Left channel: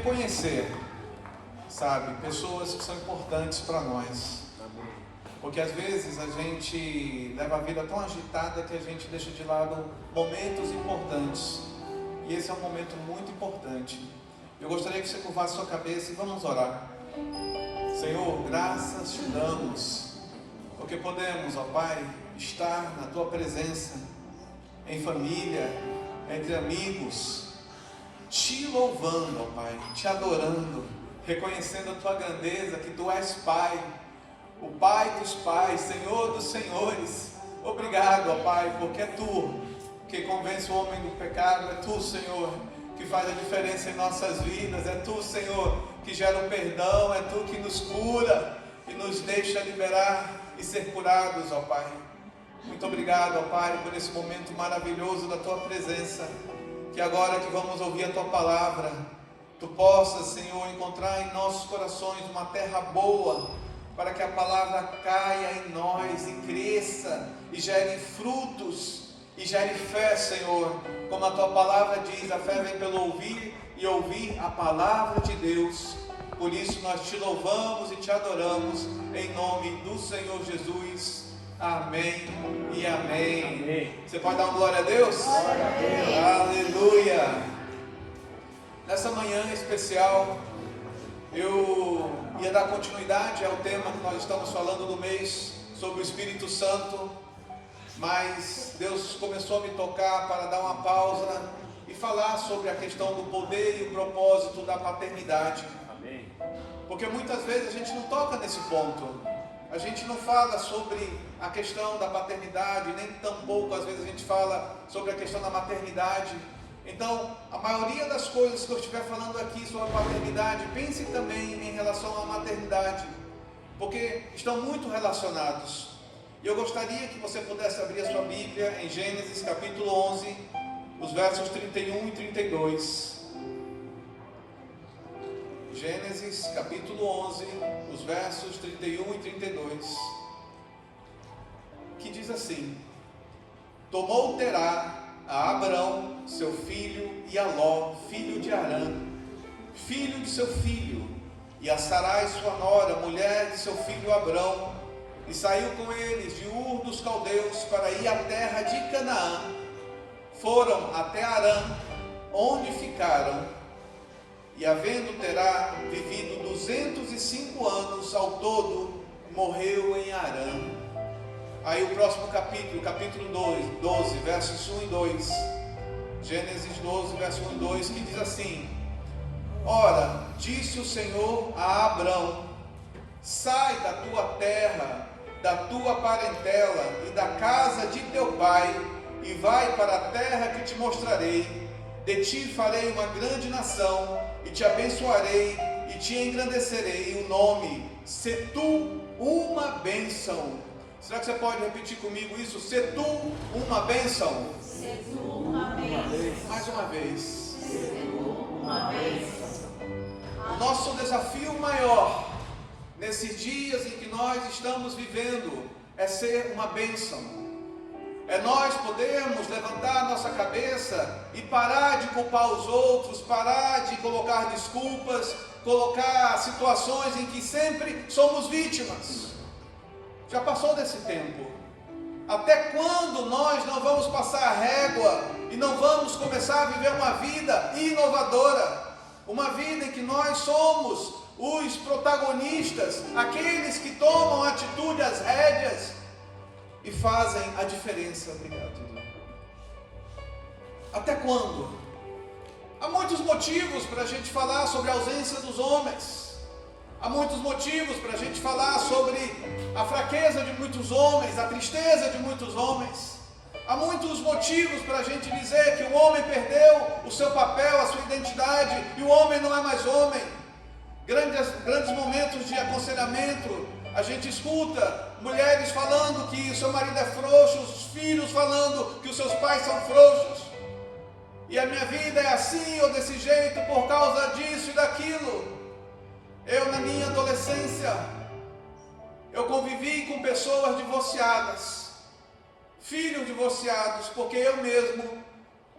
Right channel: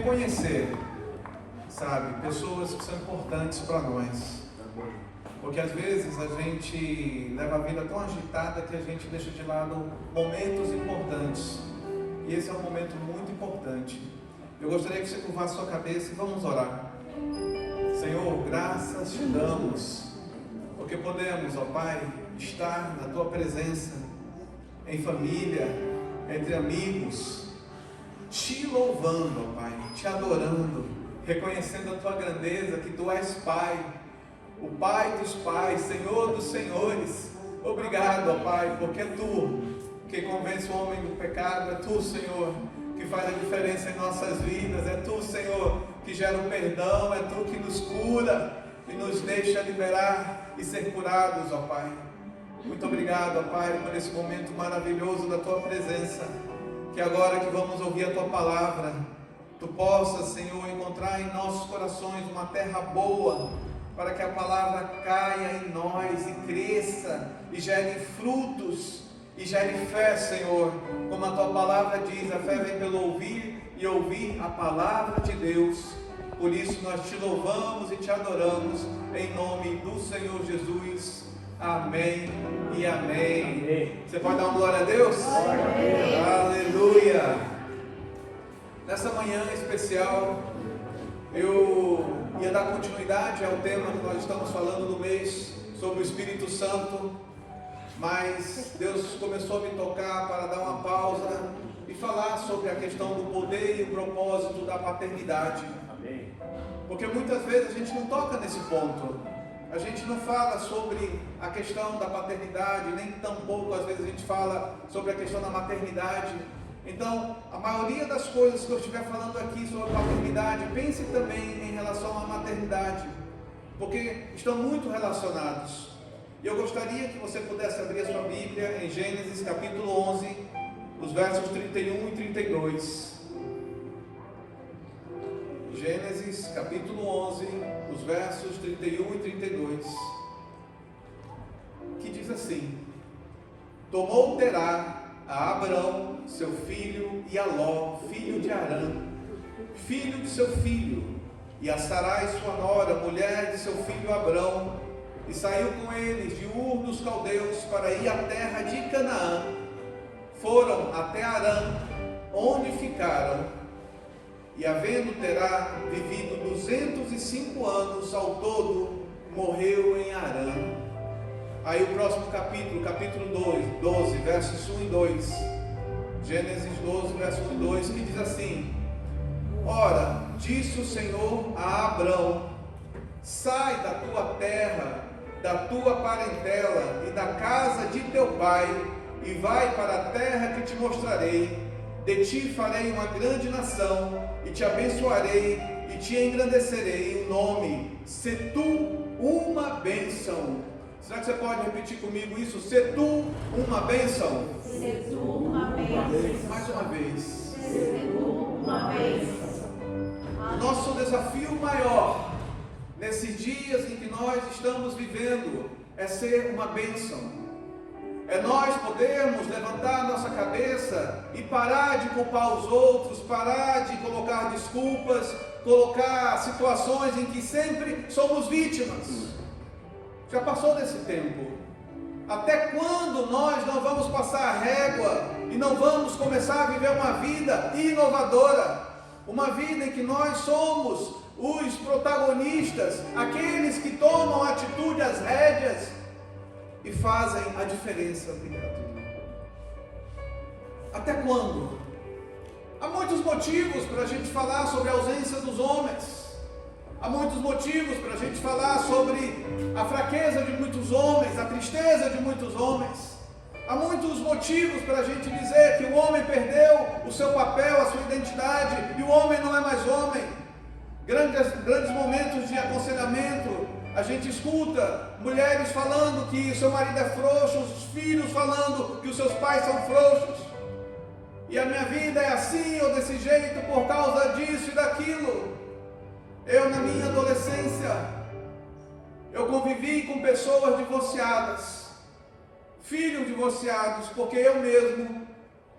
reconhecer, sabe, pessoas que são importantes para nós. Porque às vezes a gente leva a vida tão agitada que a gente deixa de lado momentos importantes. E esse é um momento muito importante. Eu gostaria que você curvasse sua cabeça e vamos orar. Senhor, graças te damos, porque podemos, ó Pai, estar na Tua presença, em família, entre amigos, te louvando, ó Pai, te adorando, reconhecendo a Tua grandeza, que Tu és Pai, o Pai dos Pais, Senhor dos Senhores. Obrigado, ó Pai, porque é Tu que convence o homem do pecado, é Tu, Senhor, que faz a diferença em nossas vidas, é Tu, Senhor, que gera o perdão, é Tu que nos cura e nos deixa liberar e ser curados, ó Pai. Muito obrigado, ó Pai, por esse momento maravilhoso da Tua presença, que agora que vamos ouvir a Tua palavra, Tu possas, Senhor, encontrar em nossos corações uma terra boa, para que a palavra caia em nós e cresça e gere frutos e gere fé, Senhor. Como a Tua palavra diz, a fé vem pelo ouvir e ouvir a palavra de Deus. Por isso nós te louvamos e te adoramos em nome do Senhor Jesus. Amém e amém. Você pode dar uma glória a Deus? Aleluia. Nessa manhã especial, eu ia dar continuidade ao tema que nós estamos falando no mês sobre o Espírito Santo, mas Deus começou a me tocar para dar uma pausa e falar sobre a questão do poder e o propósito da paternidade. Porque muitas vezes a gente não toca nesse ponto, a gente não fala sobre a questão da paternidade, nem tampouco às vezes a gente fala sobre a questão da maternidade. Então, a maioria das coisas que eu estiver falando aqui sobre paternidade, pense também em relação à maternidade, porque estão muito relacionados. E eu gostaria que você pudesse abrir a sua Bíblia em Gênesis capítulo 11, os versos 31 e 32. Gênesis capítulo 11, os versos 31 e 32, que diz assim: Tomou Terá a Abrão, seu filho, e a Ló, filho de Arã, filho de seu filho, e a Sarai, sua nora, mulher de seu filho Abrão, e saiu com eles de Ur dos Caldeus para ir à terra de Canaã. Foram até Arã, onde ficaram, e havendo Terá vivido 205 anos ao todo, morreu em Arã. Aí o próximo capítulo, capítulo 12, versos 1 e 2, Gênesis 12, verso 1 e 2, que diz assim: Ora, disse o Senhor a Abrão: Sai da tua terra, da tua parentela e da casa de teu pai, e vai para a terra que te mostrarei. De ti farei uma grande nação, e te abençoarei, e te engrandecerei o nome. Se tu uma bênção. Será que você pode repetir comigo isso? Se tu uma bênção. Se tu uma bênção. Mais uma vez. Se tu uma bênção. Nosso desafio maior nesses dias em que nós estamos vivendo é ser uma bênção. É nós podermos levantar nossa cabeça e parar de culpar os outros, parar de colocar desculpas, colocar situações em que sempre somos vítimas. Já passou desse tempo. Até quando nós não vamos passar a régua e não vamos começar a viver uma vida inovadora? Uma vida em que nós somos os protagonistas, aqueles que tomam atitude, as rédeas, e fazem a diferença. Obrigado. Até quando? Há muitos motivos para a gente falar sobre a ausência dos homens. Há muitos motivos para a gente falar sobre a fraqueza de muitos homens, a tristeza de muitos homens. Há muitos motivos para a gente dizer que o homem perdeu o seu papel, a sua identidade, e o homem não é mais homem. Grandes momentos de aconselhamento, a gente escuta mulheres falando que o seu marido é frouxo, os filhos falando que os seus pais são frouxos. E a minha vida é assim ou desse jeito por causa disso e daquilo. Eu, na minha adolescência, eu convivi com pessoas divorciadas, filhos divorciados, porque eu mesmo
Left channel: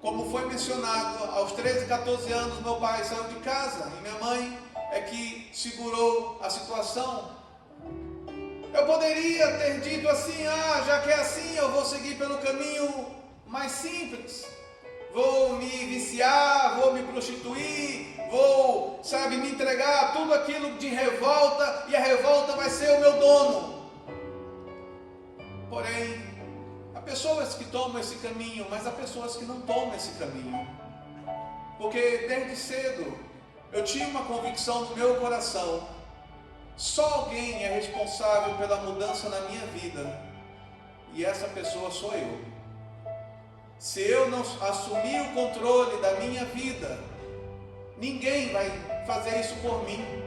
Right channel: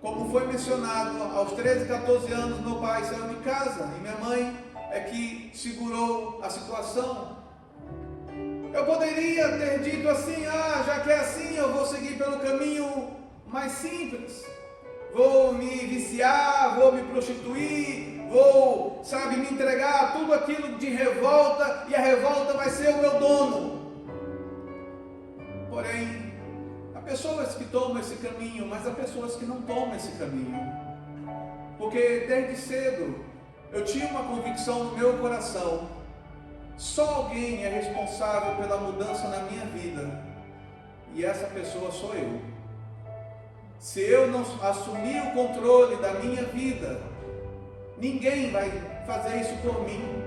Como foi mencionado, aos 13, 14 anos meu pai saiu de casa e minha mãe é que segurou a situação. Eu poderia ter dito assim, já que é assim, eu vou seguir pelo caminho mais simples. Vou me viciar, vou me prostituir, vou, me entregar a tudo aquilo de revolta, e a revolta vai ser o meu dono. Porém, há pessoas que tomam esse caminho, mas há pessoas que não tomam esse caminho. Porque desde cedo, eu tinha uma convicção no meu coração: só alguém é responsável pela mudança na minha vida, e essa pessoa sou eu. Se eu não assumir o controle da minha vida, ninguém vai fazer isso por mim.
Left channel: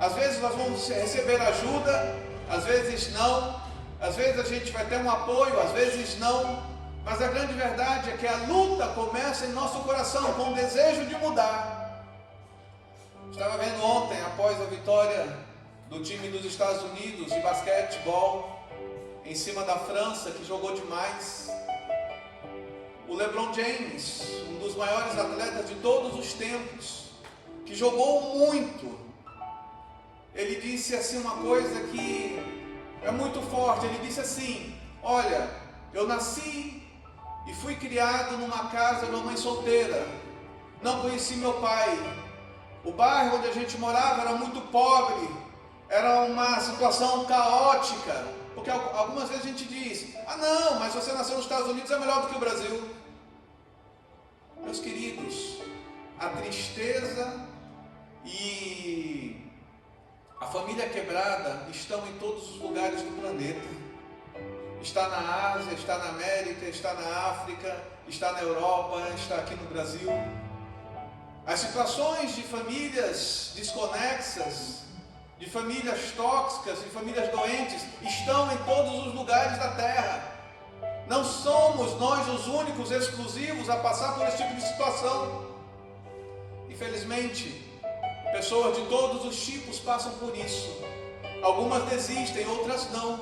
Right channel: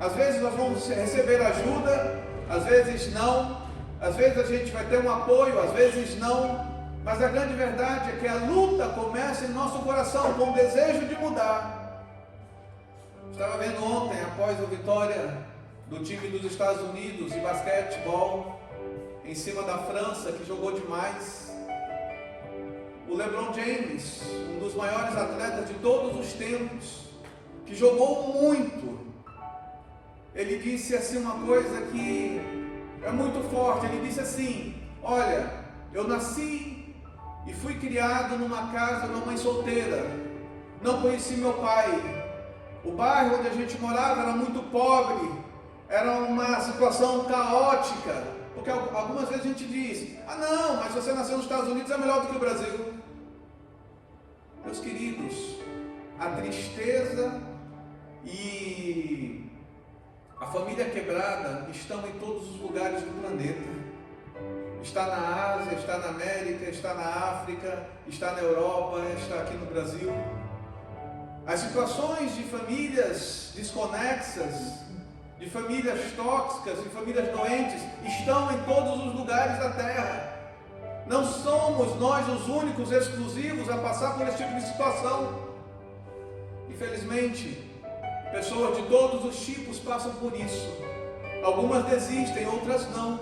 Às vezes nós vamos receber ajuda, às vezes não, às vezes a gente vai ter um apoio, às vezes não, mas a grande verdade é que a luta começa em nosso coração, com o desejo de mudar. Estava vendo ontem, após a vitória do time dos Estados Unidos de basquetebol, em cima da França, que jogou demais, o LeBron James, um dos maiores atletas de todos os tempos, que jogou muito, ele disse assim uma coisa que é muito forte. Ele disse assim: olha, eu nasci e fui criado numa casa de uma mãe solteira, não conheci meu pai, o bairro onde a gente morava era muito pobre, era uma situação caótica, porque algumas vezes a gente diz: não, mas você nasceu nos Estados Unidos, é melhor do que o Brasil. Meus queridos, a tristeza e a família quebrada estão em todos os lugares do planeta. Está na Ásia, está na América, está na África, está na Europa, está aqui no Brasil. As situações de famílias desconexas, de famílias tóxicas, de famílias doentes, estão em todos os lugares da terra. Não somos nós os únicos exclusivos a passar por esse tipo de situação. Infelizmente, pessoas de todos os tipos passam por isso. Algumas desistem, outras não.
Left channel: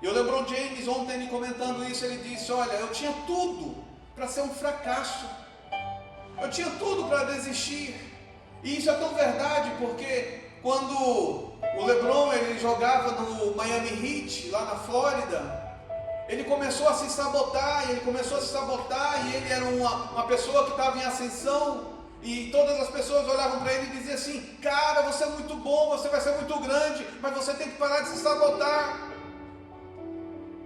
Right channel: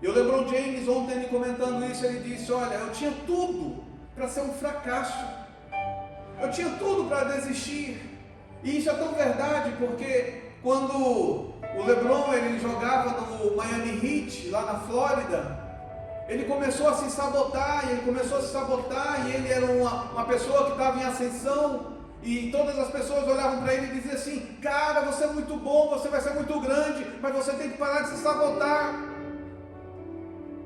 E o LeBron James, ontem ele comentando isso, ele disse: olha, eu tinha tudo para ser um fracasso. Eu tinha tudo para desistir. E isso é tão verdade, porque quando o LeBron ele jogava no Miami Heat, lá na Flórida, ele começou a se sabotar, e ele era uma pessoa que estava em ascensão, e todas as pessoas olhavam para ele e diziam assim: cara, você é muito bom, você vai ser muito grande, mas você tem que parar de se sabotar.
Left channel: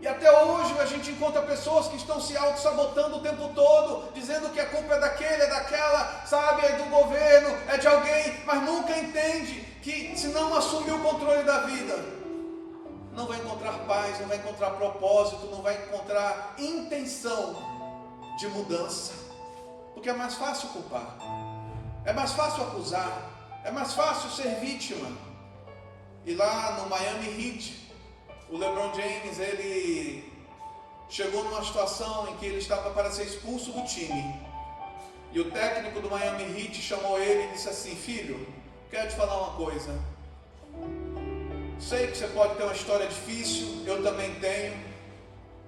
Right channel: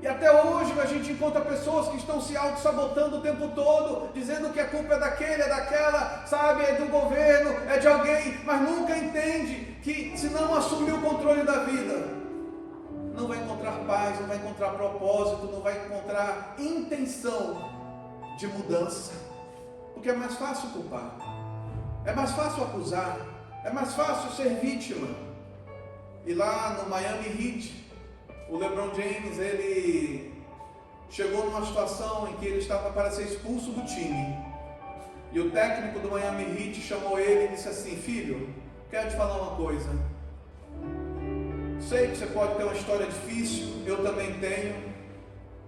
E até hoje a gente encontra pessoas que estão se auto-sabotando o tempo todo, dizendo que a culpa é daquele, é daquela, é do governo, é de alguém, mas nunca entende que se não assumir o controle da vida, não vai encontrar paz, não vai encontrar propósito, não vai encontrar intenção de mudança, porque é mais fácil culpar, é mais fácil acusar, é mais fácil ser vítima. E lá no Miami Heat, o LeBron James, ele chegou numa situação em que ele estava para ser expulso do time, e o técnico do Miami Heat chamou ele e disse assim: filho, quero te falar uma coisa. Sei que você pode ter uma história difícil, eu também tenho.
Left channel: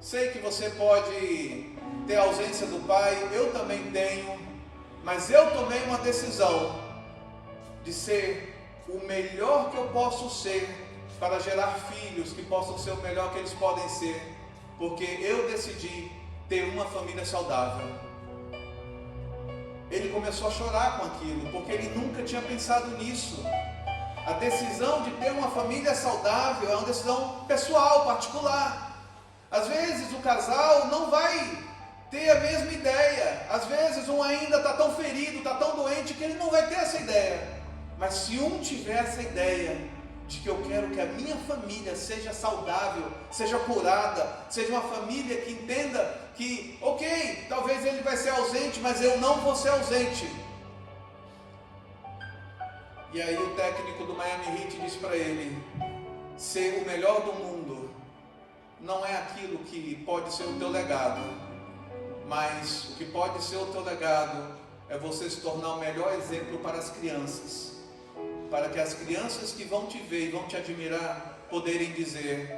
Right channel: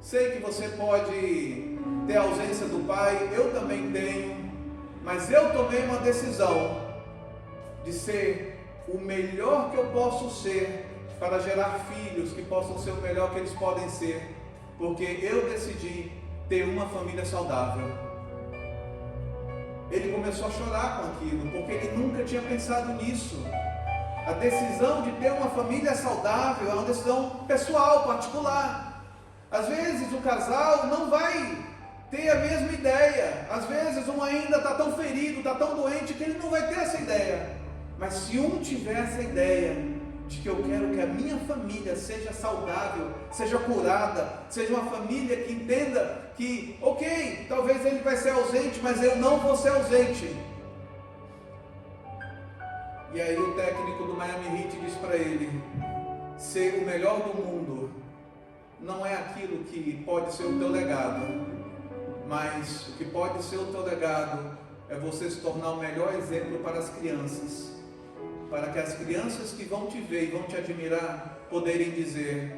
Sei que você pode ter a ausência do pai, eu também tenho. Mas eu tomei uma decisão de ser o melhor que eu posso ser, para gerar filhos que possam ser o melhor que eles podem ser, porque eu decidi ter uma família saudável. Ele começou a chorar com aquilo, porque ele nunca tinha pensado nisso. A decisão de ter uma família saudável é uma decisão pessoal, particular. Às vezes o casal não vai ter a mesma ideia. Às vezes um ainda está tão ferido, está tão doente, que ele não vai ter essa ideia. Mas se um tiver essa ideia de que eu quero que a minha família seja saudável, seja curada, seja uma família que entenda que, ok, talvez ele vai ser ausente, mas eu não vou ser ausente. E aí o técnico do Miami Heat diz para ele: ser o melhor do mundo não é aquilo que pode ser o teu legado, mas o que pode ser o teu legado é você se tornar o melhor exemplo para as crianças, para que as crianças que vão te ver e vão te admirar poderem dizer:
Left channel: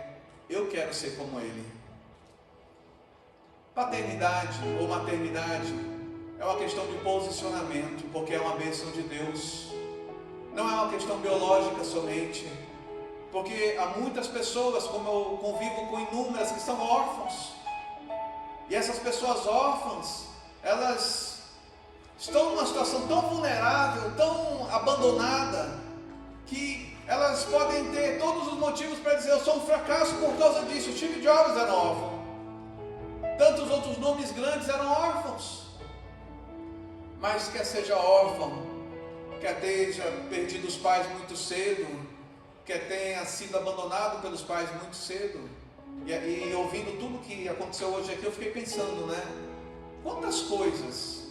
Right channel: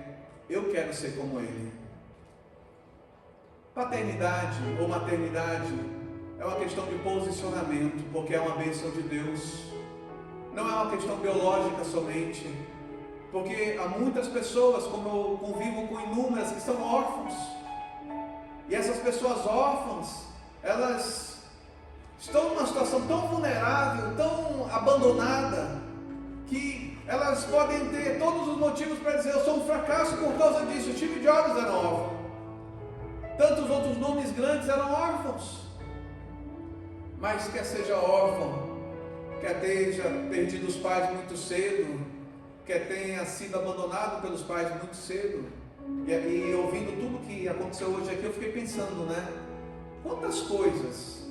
eu quero ser como ele. Paternidade ou maternidade é uma questão de posicionamento, porque é uma bênção de Deus. Não é uma questão biológica somente, porque há muitas pessoas, como eu convivo com inúmeras, que são órfãos. E essas pessoas órfãs, elas estão numa situação tão vulnerável, tão abandonada, que elas podem ter todos os motivos para dizer: eu sou um fracasso por causa disso. O Steve Jobs era órfão. Tantos outros nomes grandes eram órfãos. Mas quer seja órfão, quer tenha perdido os pais muito cedo, quer tenha sido abandonado pelos pais muito cedo, e ouvindo tudo que aconteceu hoje aqui, eu fiquei pensando, né? Quantas coisas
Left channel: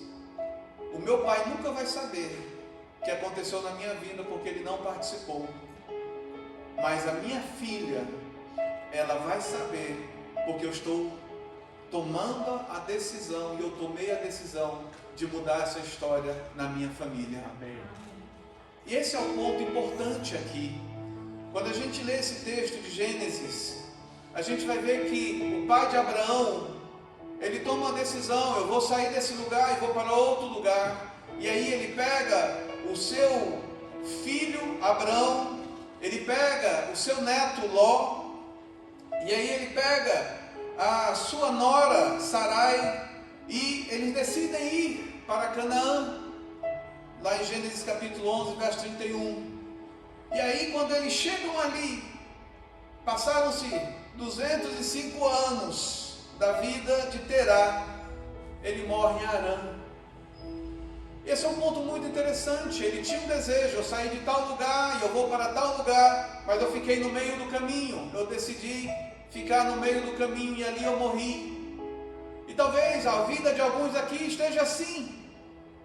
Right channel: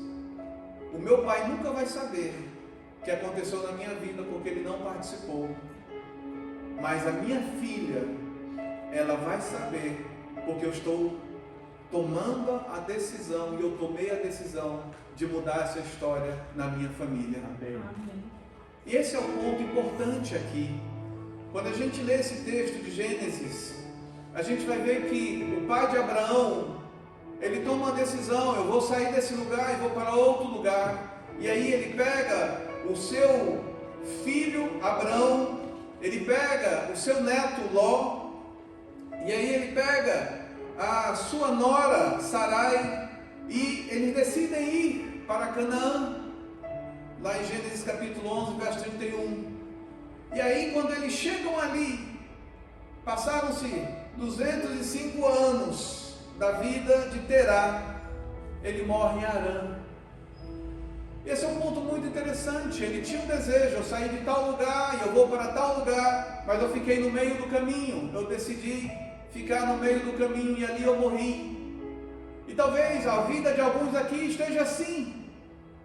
o meu pai nunca vai saber que aconteceu na minha vida porque ele não participou, mas a minha filha, ela vai saber, porque eu estou tomando a decisão, e eu tomei a decisão de mudar essa história na minha família. Amém. E esse é o ponto importante aqui. Quando a gente lê esse texto de Gênesis, a gente vai ver que o pai de Abraão, ele toma uma decisão: eu vou sair desse lugar e vou para outro lugar. E aí ele pega o seu filho Abraão, ele pega o seu neto Ló, e aí ele pega a sua nora Sarai, e eles decidem ir para Canaã, lá em Gênesis capítulo 11, verso 31. E aí, quando eles chegam ali, passaram-se 205 anos da vida de Terá, ele morre em Harã. Esse é um ponto muito interessante. Ele tinha um desejo: eu saí de tal lugar e eu vou para tal lugar, mas eu fiquei no meio do caminho, eu decidi ficar no meio do caminho e ali eu morri. E talvez a vida de alguns aqui esteja assim,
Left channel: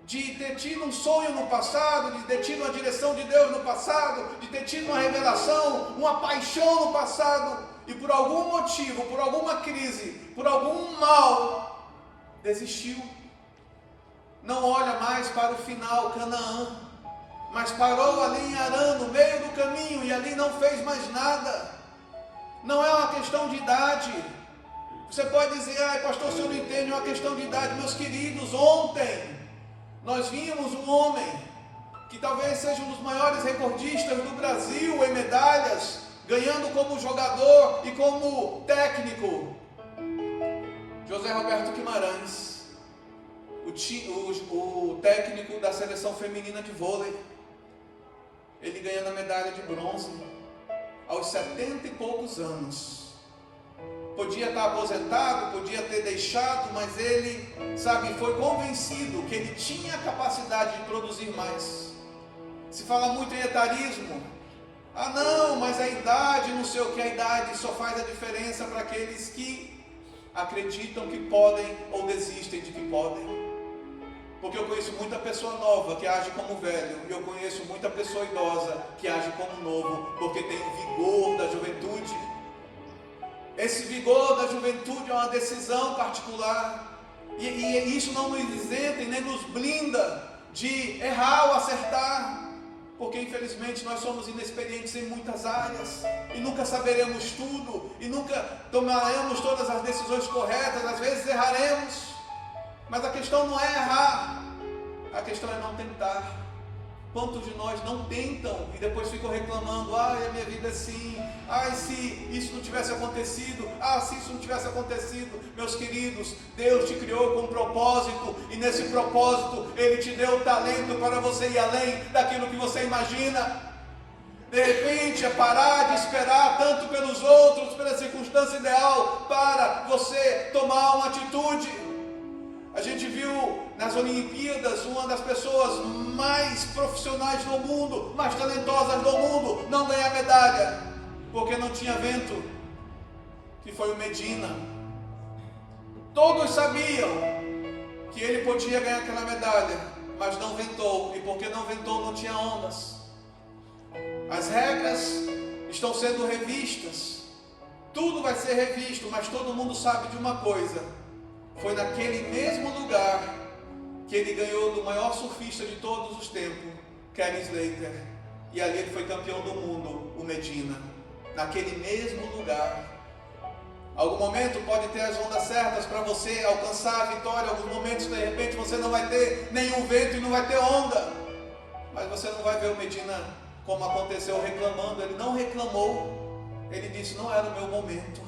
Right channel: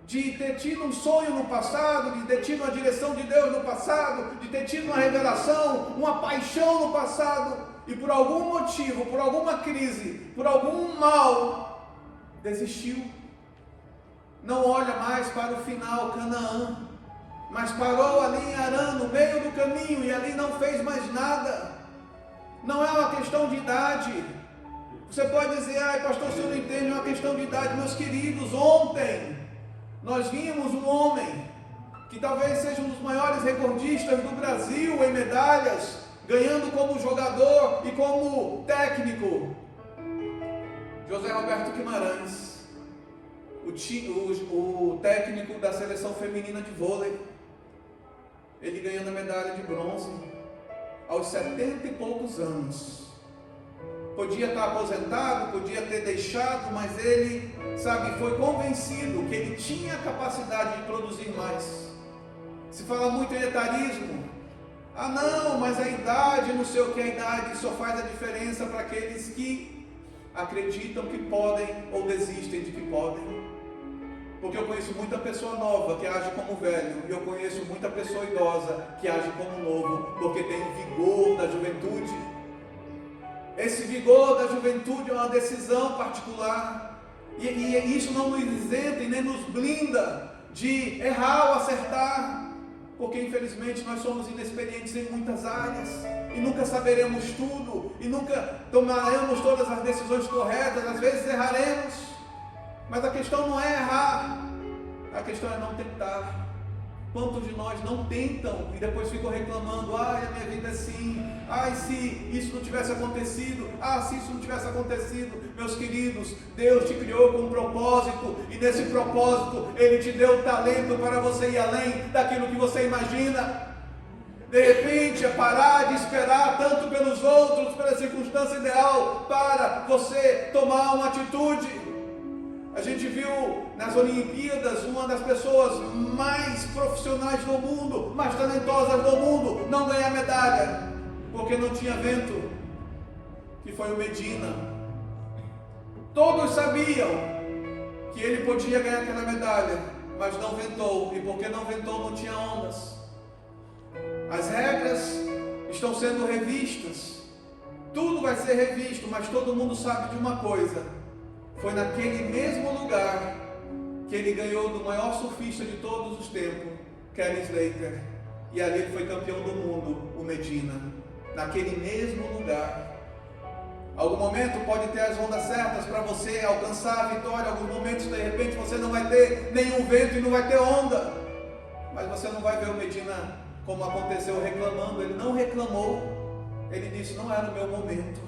de ter tido um sonho no passado, de ter tido uma direção de Deus no passado, de ter tido uma revelação, uma paixão no passado, e por algum motivo, por alguma crise, por algum mal, desistiu. Não olha mais para o final, Canaã, mas parou ali em Harã, no meio do caminho, e ali não fez mais nada. Não é uma questão de idade. Você pode dizer: ai pastor, o senhor não entende, é uma questão de idade. Meus queridos, ontem nós vimos um homem que talvez seja um dos maiores recordistas do Brasil em medalhas, ganhando como jogador e como técnico, José Roberto Guimarães, o técnico da seleção feminina de vôlei. Ele ganhando a medalha de bronze aos 70 e poucos anos. Podia estar aposentado, podia ter deixado, mas ele, foi convencido que ele tinha a capacidade de produzir mais. Se fala muito em etarismo. Ah não, mas a idade, não sei o que, a idade só faz a diferença para aqueles que acreditam que podem ou desistem de que podem. Porque eu conheço muita pessoa nova que age como velho, e eu conheço muita pessoa idosa que age como novo, porque tem o vigor da juventude. Esse vigor da juventude é uma decisão particular, e isso não nos isenta e nem nos blinda de errar ou acertar, porque infelizmente nós somos inexperientes em muitas áreas, e nunca saberemos tudo, e nunca tomaremos todas as decisões corretas. Às vezes erraremos, mas a questão não é errar, a questão é não tentar. Quantos de nós não tentam e depois ficam reclamando: ai, a minha vida é assim, ai, se isso não tivesse acontecido, se isso não tivesse acontecido. Meus queridos, Deus te criou com um propósito, e nesse propósito Ele te deu o talento para você ir além daquilo que você imagina. De repente é parar de esperar tanto pelos outros, pela circunstância ideal, para você tomar uma atitude. A gente viu nas Olimpíadas uma das pessoas mais profissionais do mundo, mais talentosas do mundo, não ganhar medalha, porque não tinha vento, que foi o Medina. Todos sabiam que ele podia ganhar aquela medalha, mas não ventou, e porque não ventou, não tinha ondas. As regras estão sendo revistas, tudo vai ser revisto, mas todo mundo sabe de uma coisa: foi naquele mesmo lugar que ele ganhou do maior surfista de todos os tempos, Kelly Slater, e ali ele foi campeão do mundo, o Medina. Naquele mesmo lugar. Algum momento pode ter as ondas certas para você alcançar a vitória. Alguns momentos, de repente, você não vai ter nenhum vento e não vai ter onda. Mas você não vai ver o Medina, como aconteceu, reclamando. Ele não reclamou. Ele disse, não era o meu momento.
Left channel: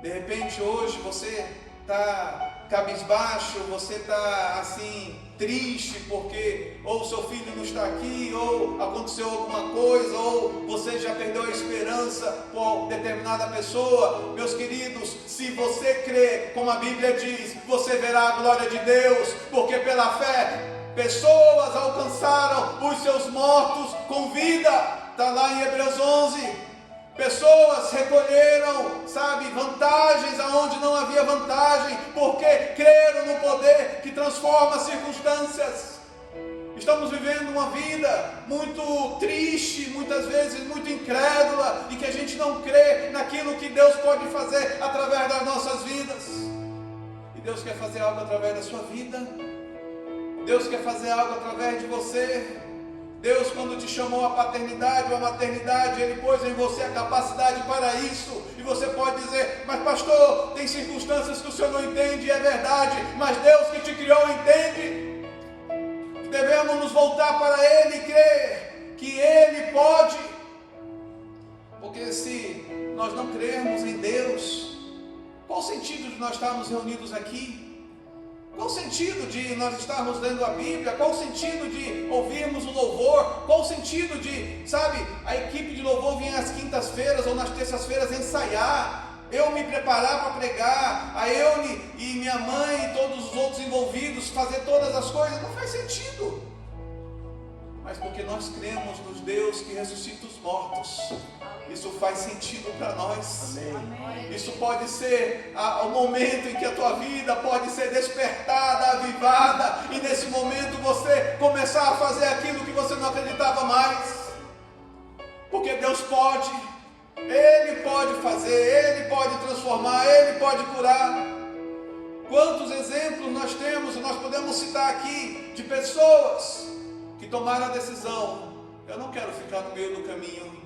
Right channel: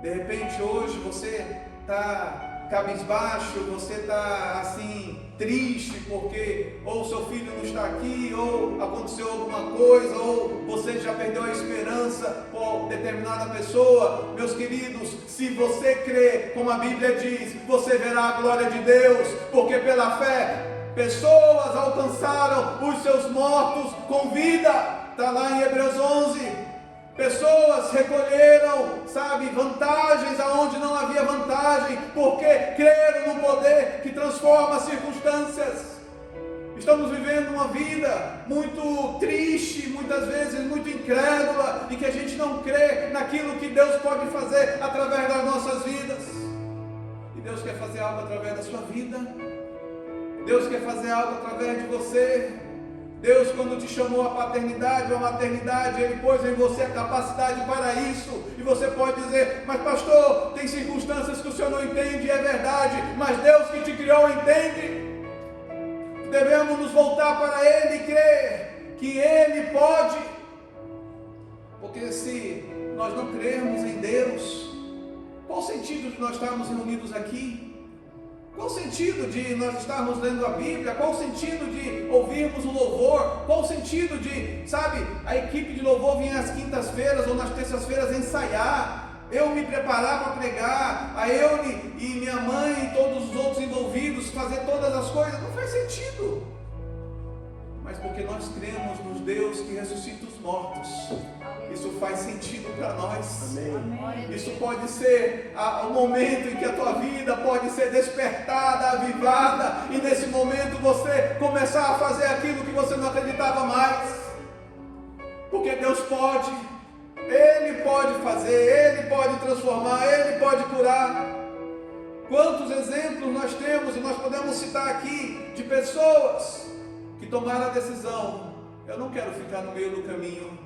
De repente, hoje, você está cabisbaixo, você está assim, triste, porque ou seu filho não está aqui, ou aconteceu alguma coisa, ou você já perdeu a esperança por determinada pessoa. Meus queridos, se você crê, como a Bíblia diz, você verá a glória de Deus, porque pela fé, pessoas alcançaram os seus mortos com vida. Está lá em Hebreus 11. Pessoas recolheram, vantagens aonde não havia vantagem, porque creram no poder que transforma as circunstâncias. Estamos vivendo uma vida muito triste, muitas vezes muito incrédula, e que a gente não crê naquilo que Deus pode fazer através das nossas vidas. E Deus quer fazer algo através da sua vida. Deus quer fazer algo através de você. Deus, quando te chamou à paternidade ou à maternidade, Ele pôs em você a capacidade para isso. E você pode dizer, mas pastor, tem circunstâncias que o senhor não entende, e é verdade, mas Deus que te criou entende. Devemos nos voltar para Ele e crer que Ele pode. Porque se nós não crermos em Deus, qual o sentido de nós estarmos reunidos aqui? Qual o sentido de nós estarmos lendo a Bíblia? Qual o sentido de ouvirmos o louvor? Qual o sentido de, a equipe de louvor vir às quintas-feiras ou nas terças-feiras ensaiar, eu me preparar para pregar, a eu e minha mãe e todos os outros envolvidos fazer todas as coisas? Não faz sentido. Mas porque nós cremos nos Deus que ressuscita os mortos, isso faz sentido para nós. Isso pode ser o momento em que a tua vida pode ser despertada, avivada, e nesse momento você começar a fazer aquilo que você não acreditava mais. Porque Deus pode, Ele pode fazer, Ele pode transformar, Ele pode curar. Quantos exemplos nós temos, e nós podemos citar aqui, de pessoas que tomaram a decisão, eu não quero ficar no meio do caminho.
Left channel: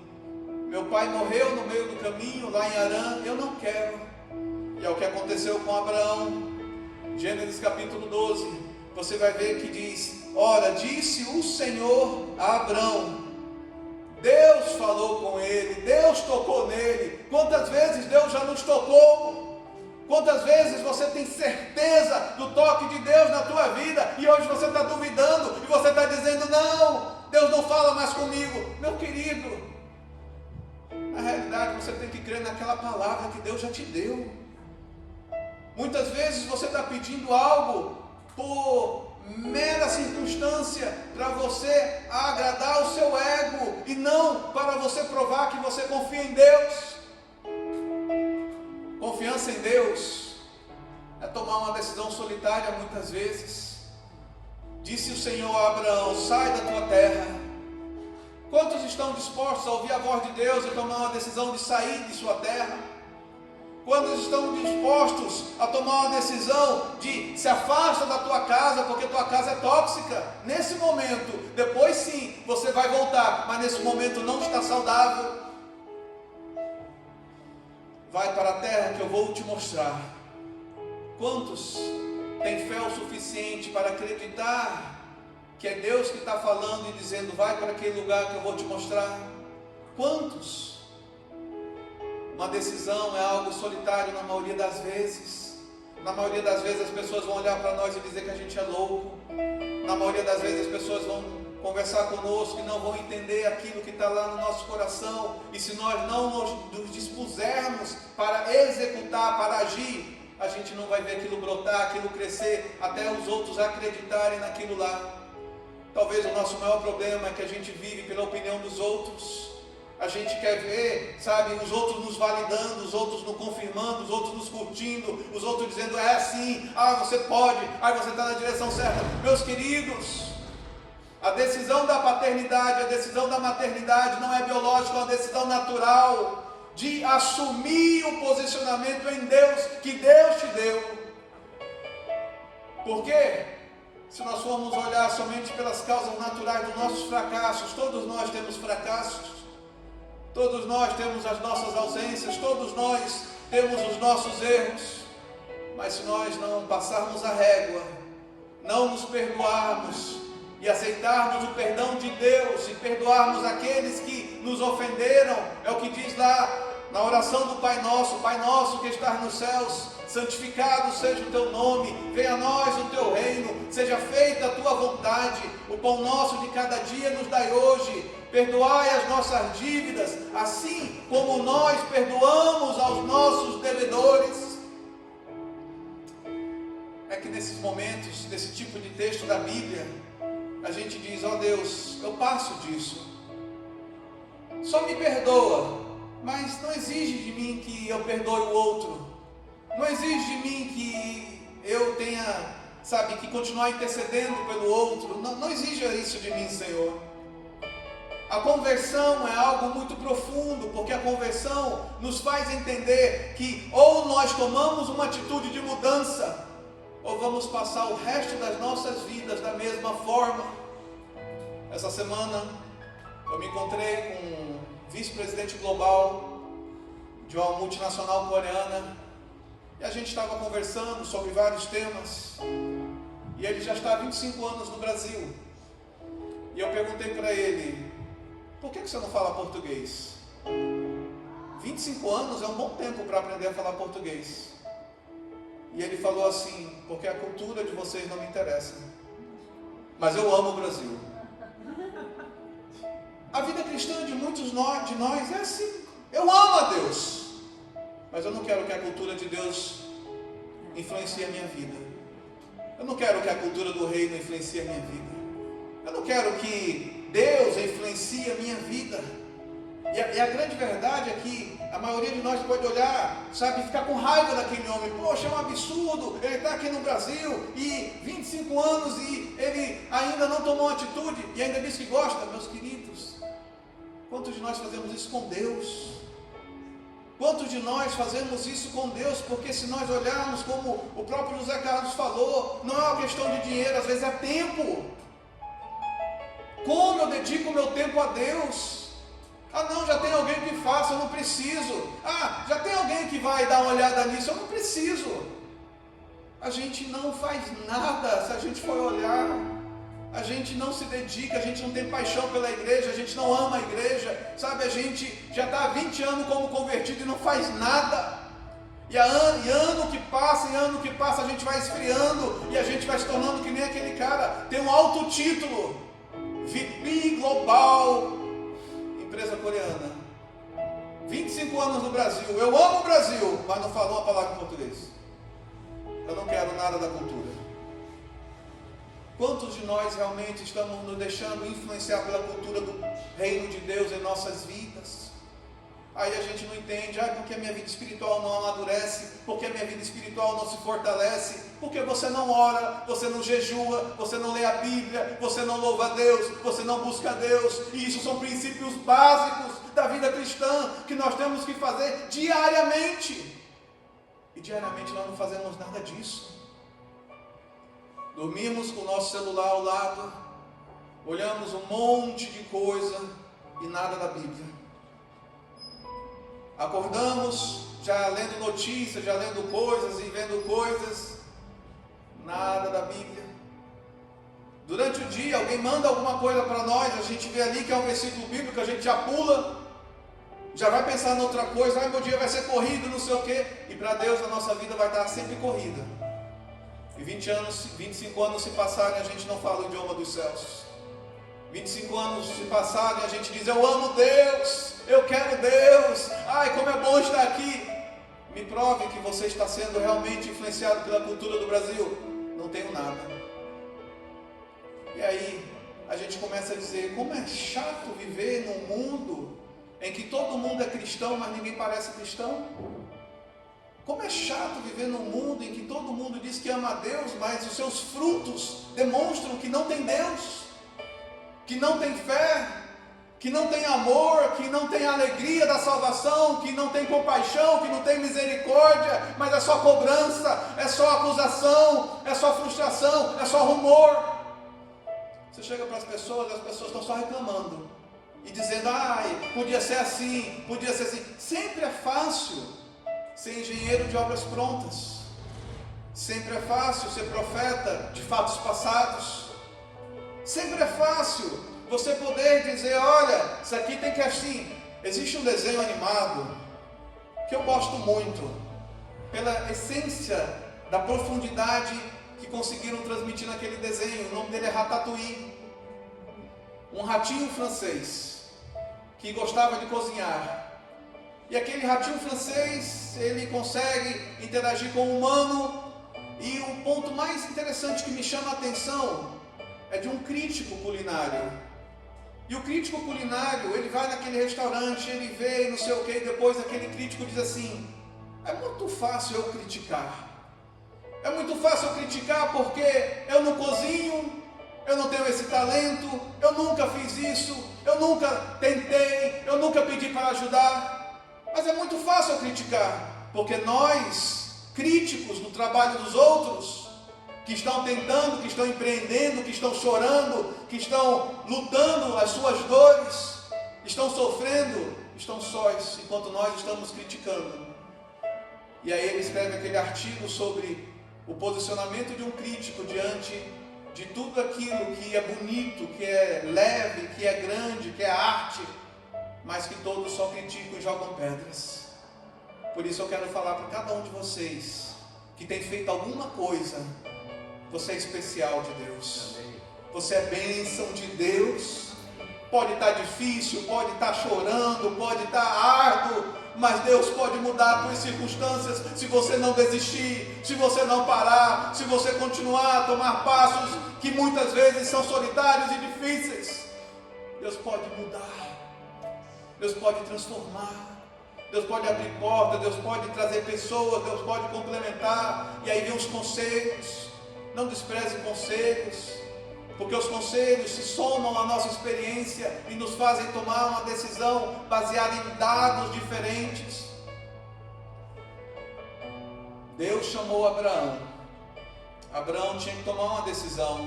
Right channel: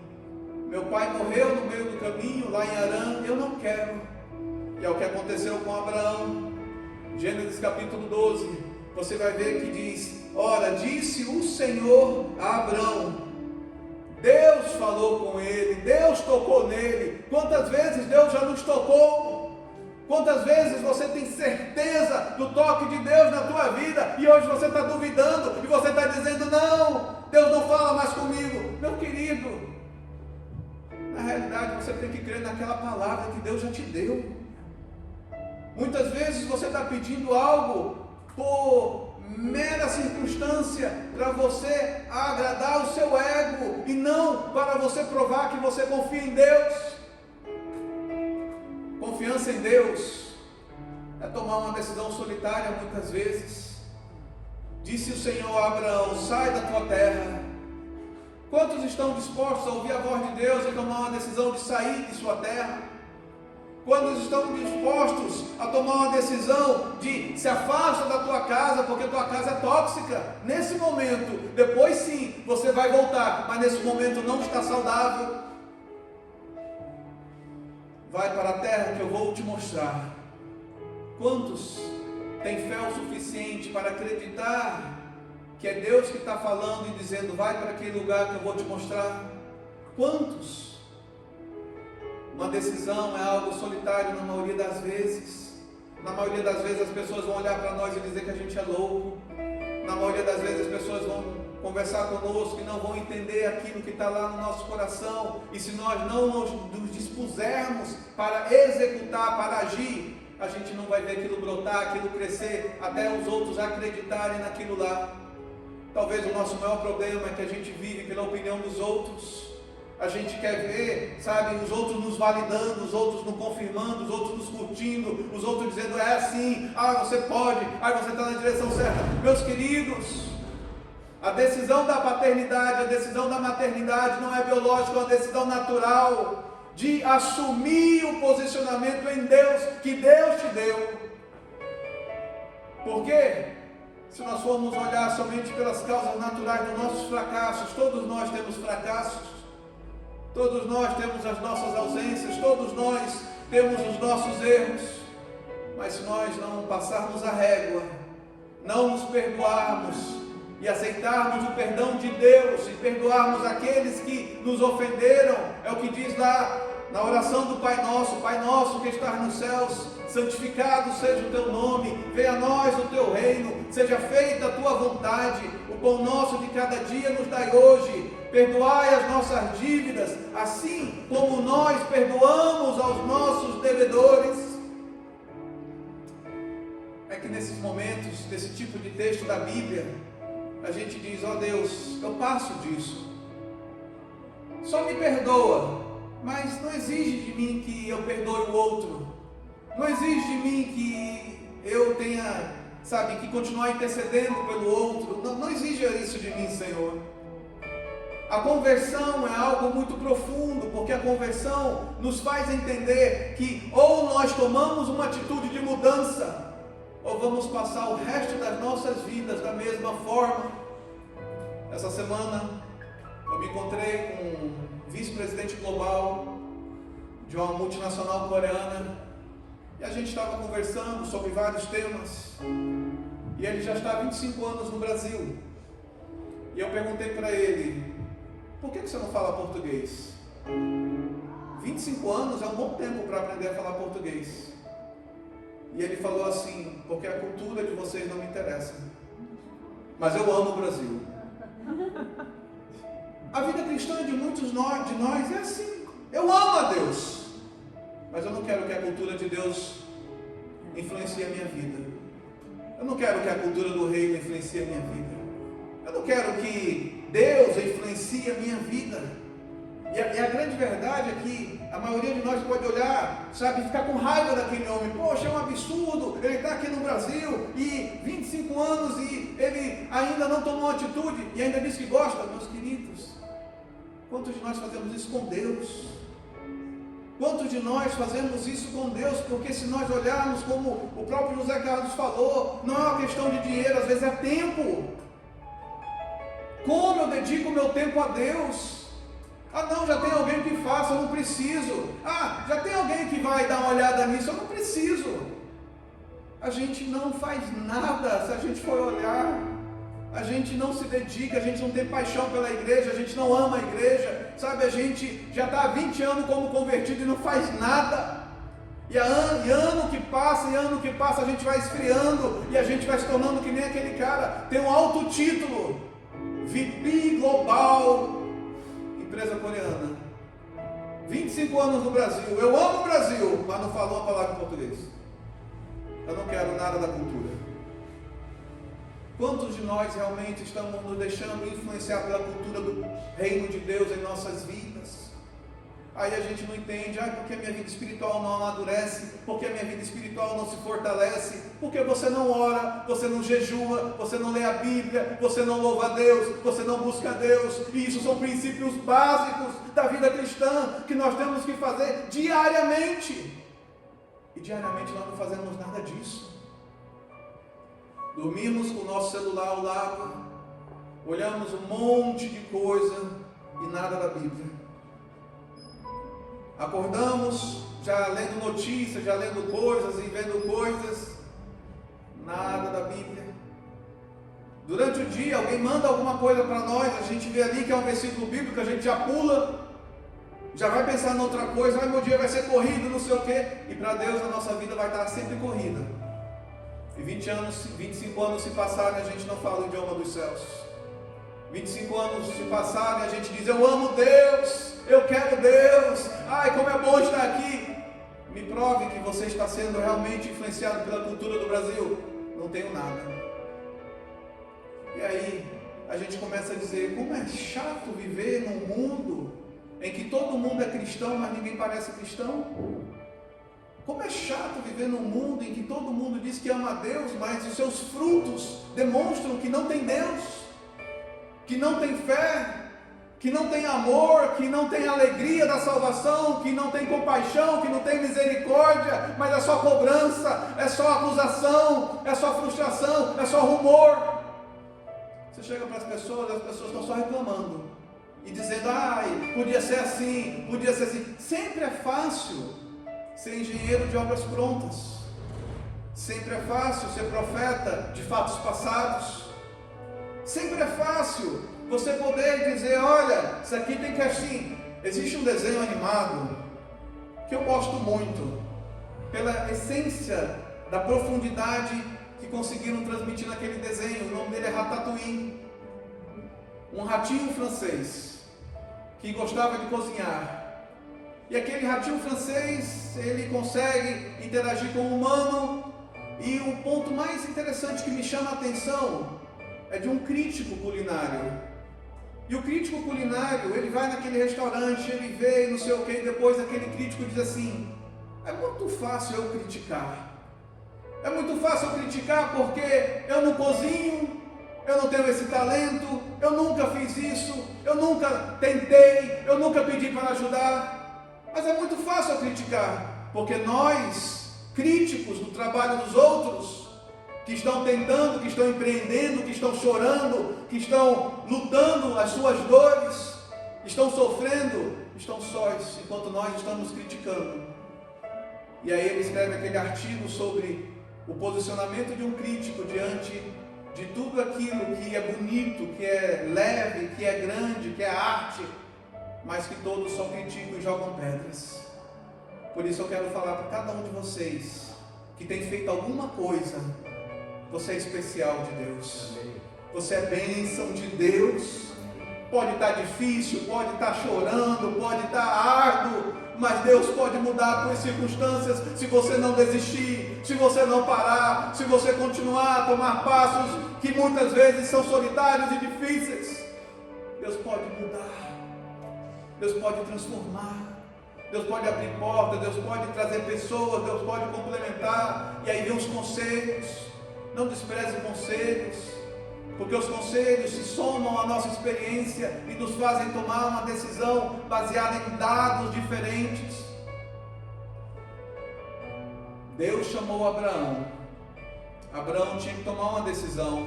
Meu pai morreu no meio do caminho, lá em Harã, eu não quero. E é o que aconteceu com Abraão. Gênesis capítulo 12, você vai ver que diz, ora, disse o Senhor a Abraão. Deus falou com ele, Deus tocou nele. Quantas vezes Deus já nos tocou? Quantas vezes você tem certeza do toque de Deus na tua vida, e hoje você está duvidando, e você está dizendo, não, Deus não fala mais comigo. Meu querido, na realidade, você tem que crer naquela palavra que Deus já te deu. Muitas vezes você está pedindo algo por mera circunstância, para você agradar o seu ego, e não para você provar que você confia em Deus. Confiança em Deus é tomar uma decisão solitária muitas vezes. Disse o Senhor a Abraão, sai da tua terra. Quantos estão dispostos a ouvir a voz de Deus e tomar uma decisão de sair de sua terra? Quantos estão dispostos a tomar uma decisão de se afasta da tua casa, porque tua casa é tóxica? Nesse momento, depois sim, você vai voltar, mas nesse momento não está saudável. Vai para a terra que eu vou te mostrar. Quantos têm fé o suficiente para acreditar que é Deus que está falando e dizendo, vai para aquele lugar que eu vou te mostrar? Quantos? Uma decisão é algo solitário na maioria das vezes. Na maioria das vezes as pessoas vão olhar para nós e dizer que a gente é louco. Na maioria das vezes as pessoas vão conversar conosco e não vão entender aquilo que está lá no nosso coração. E se nós não nos dispusermos para executar, para agir, a gente não vai ver aquilo brotar, aquilo crescer, até os outros acreditarem naquilo lá. Talvez o nosso maior problema é que a gente vive pela opinião dos outros. A gente quer ver, os outros nos validando, os outros nos confirmando, os outros nos curtindo, os outros dizendo, é assim, você pode, você está na direção certa. Meus queridos, a decisão da paternidade, a decisão da maternidade não é biológica, é uma decisão natural, de assumir o posicionamento em Deus, que Deus te deu. Por quê? Se nós formos olhar somente pelas causas naturais dos nossos fracassos, todos nós temos fracassos, todos nós temos as nossas ausências, todos nós temos os nossos erros, mas se nós não passarmos a régua, não nos perdoarmos e aceitarmos o perdão de Deus e perdoarmos aqueles que nos ofenderam, é o que diz lá na oração do Pai Nosso que estás nos céus, santificado seja o teu nome, venha a nós o teu reino, seja feita a tua vontade, o pão nosso de cada dia nos dai hoje, perdoai as nossas dívidas, assim como nós perdoamos aos nossos devedores. É que nesses momentos, desse tipo de texto da Bíblia, a gente diz, ó Deus, eu passo disso, só me perdoa, mas não exige de mim que eu perdoe o outro, não exige de mim que eu tenha, que continuar intercedendo pelo outro, não exige isso de mim, Senhor. A conversão é algo muito profundo, porque a conversão nos faz entender que ou nós tomamos uma atitude de mudança, ou vamos passar o resto das nossas vidas da mesma forma. Essa semana eu me encontrei com um vice-presidente global de uma multinacional coreana e a gente estava conversando sobre vários temas e ele já está há 25 anos no Brasil e eu perguntei para ele, por que você não fala português? 25 anos é um bom tempo para aprender a falar português. E ele falou assim, porque a cultura de vocês não me interessa, mas eu amo o Brasil. A vida cristã de muitos de nós é assim, eu amo a Deus, mas eu não quero que a cultura de Deus influencie a minha vida, eu não quero que a cultura do reino influencie a minha vida, eu não quero que Deus influencie a minha vida. E a grande verdade é que a maioria de nós pode olhar, ficar com raiva daquele homem. Poxa, é um absurdo, ele está aqui no Brasil, e 25 anos, e ele ainda não tomou atitude, e ainda diz que gosta. Meus queridos, quantos de nós fazemos isso com Deus? Quantos de nós fazemos isso com Deus? Porque se nós olharmos como o próprio José Carlos falou, não é uma questão de dinheiro, às vezes é tempo. Como eu dedico o meu tempo a Deus? Não, já tem alguém que faça, eu não preciso. Já tem alguém que vai dar uma olhada nisso, eu não preciso. A gente não faz nada, se a gente for olhar, a gente não se dedica, a gente não tem paixão pela igreja, a gente não ama a igreja, a gente já está há 20 anos como convertido e não faz nada. E ano que passa, a gente vai esfriando, e a gente vai se tornando que nem aquele cara, tem um alto título, VP Global, empresa coreana, 25 anos no Brasil, eu amo o Brasil, mas não falou uma palavra em português. Eu não quero nada da cultura. Quantos de nós realmente estamos nos deixando influenciar pela cultura do reino de Deus em nossas vidas? Aí a gente não entende, porque a minha vida espiritual não amadurece, porque a minha vida espiritual não se fortalece, porque você não ora, você não jejua, você não lê a Bíblia, você não louva a Deus, você não busca a Deus, e isso são princípios básicos da vida cristã, que nós temos que fazer diariamente, e diariamente nós não fazemos nada disso. Dormimos com o nosso celular ao lado, olhamos um monte de coisa, e nada da Bíblia. Acordamos já lendo notícias, já lendo coisas e vendo coisas, nada da Bíblia. Durante o dia alguém manda alguma coisa para nós, a gente vê ali que é um versículo bíblico, a gente já pula, já vai pensar em outra coisa, meu dia vai ser corrido, não sei o quê, e para Deus a nossa vida vai estar sempre corrida. E 25 anos se passaram e a gente não fala o idioma dos céus. 25 anos se passaram e a gente diz, eu amo Deus, eu quero Deus, como é bom estar aqui. Me prove que você está sendo realmente influenciado pela cultura do Brasil. Não tenho nada. E aí a gente começa a dizer, como é chato viver num mundo em que todo mundo é cristão, mas ninguém parece cristão. Como é chato viver num mundo em que todo mundo diz que ama a Deus, mas os seus frutos demonstram que não tem Deus, que não tem fé, que não tem amor, que não tem alegria da salvação, que não tem compaixão, que não tem misericórdia, mas é só cobrança, é só acusação, é só frustração, é só rumor. Você chega para as pessoas estão só reclamando e dizendo, podia ser assim, podia ser assim. Sempre é fácil ser engenheiro de obras prontas. Sempre é fácil ser profeta de fatos passados. Sempre é fácil você poder dizer, olha, isso aqui tem que assim. Existe um desenho animado que eu gosto muito, pela essência da profundidade que conseguiram transmitir naquele desenho. O nome dele é Ratatouille. Um ratinho francês que gostava de cozinhar. E aquele ratinho francês, ele consegue interagir com o humano. E o ponto mais interessante que me chama a atenção é de um crítico culinário. E o crítico culinário, ele vai naquele restaurante, ele vê não sei o que, e depois aquele crítico diz assim, é muito fácil eu criticar. É muito fácil eu criticar porque eu não cozinho, eu não tenho esse talento, eu nunca fiz isso, eu nunca tentei, eu nunca pedi para ajudar. Mas é muito fácil eu criticar, porque nós, críticos do trabalho dos outros, que estão tentando, que estão empreendendo, que estão chorando, que estão lutando as suas dores, estão sofrendo, estão sós, enquanto nós estamos criticando. E aí ele escreve aquele artigo sobre o posicionamento de um crítico diante de tudo aquilo que é bonito, que é leve, que é grande, que é arte, mas que todos só criticam e jogam pedras. Por isso eu quero falar para cada um de vocês que tem feito alguma coisa. Você é especial de Deus. Você é bênção de Deus. Pode estar difícil, pode estar chorando, pode estar árduo, mas Deus pode mudar as tuas circunstâncias se você não desistir, se você não parar, se você continuar a tomar passos que muitas vezes são solitários e difíceis. Deus pode mudar. Deus pode transformar. Deus pode abrir portas, Deus pode trazer pessoas, Deus pode complementar. E aí vem os conselhos. Não despreze conselhos, porque os conselhos se somam à nossa experiência e nos fazem tomar uma decisão baseada em dados diferentes. Deus chamou Abraão. Abraão tinha que tomar uma decisão.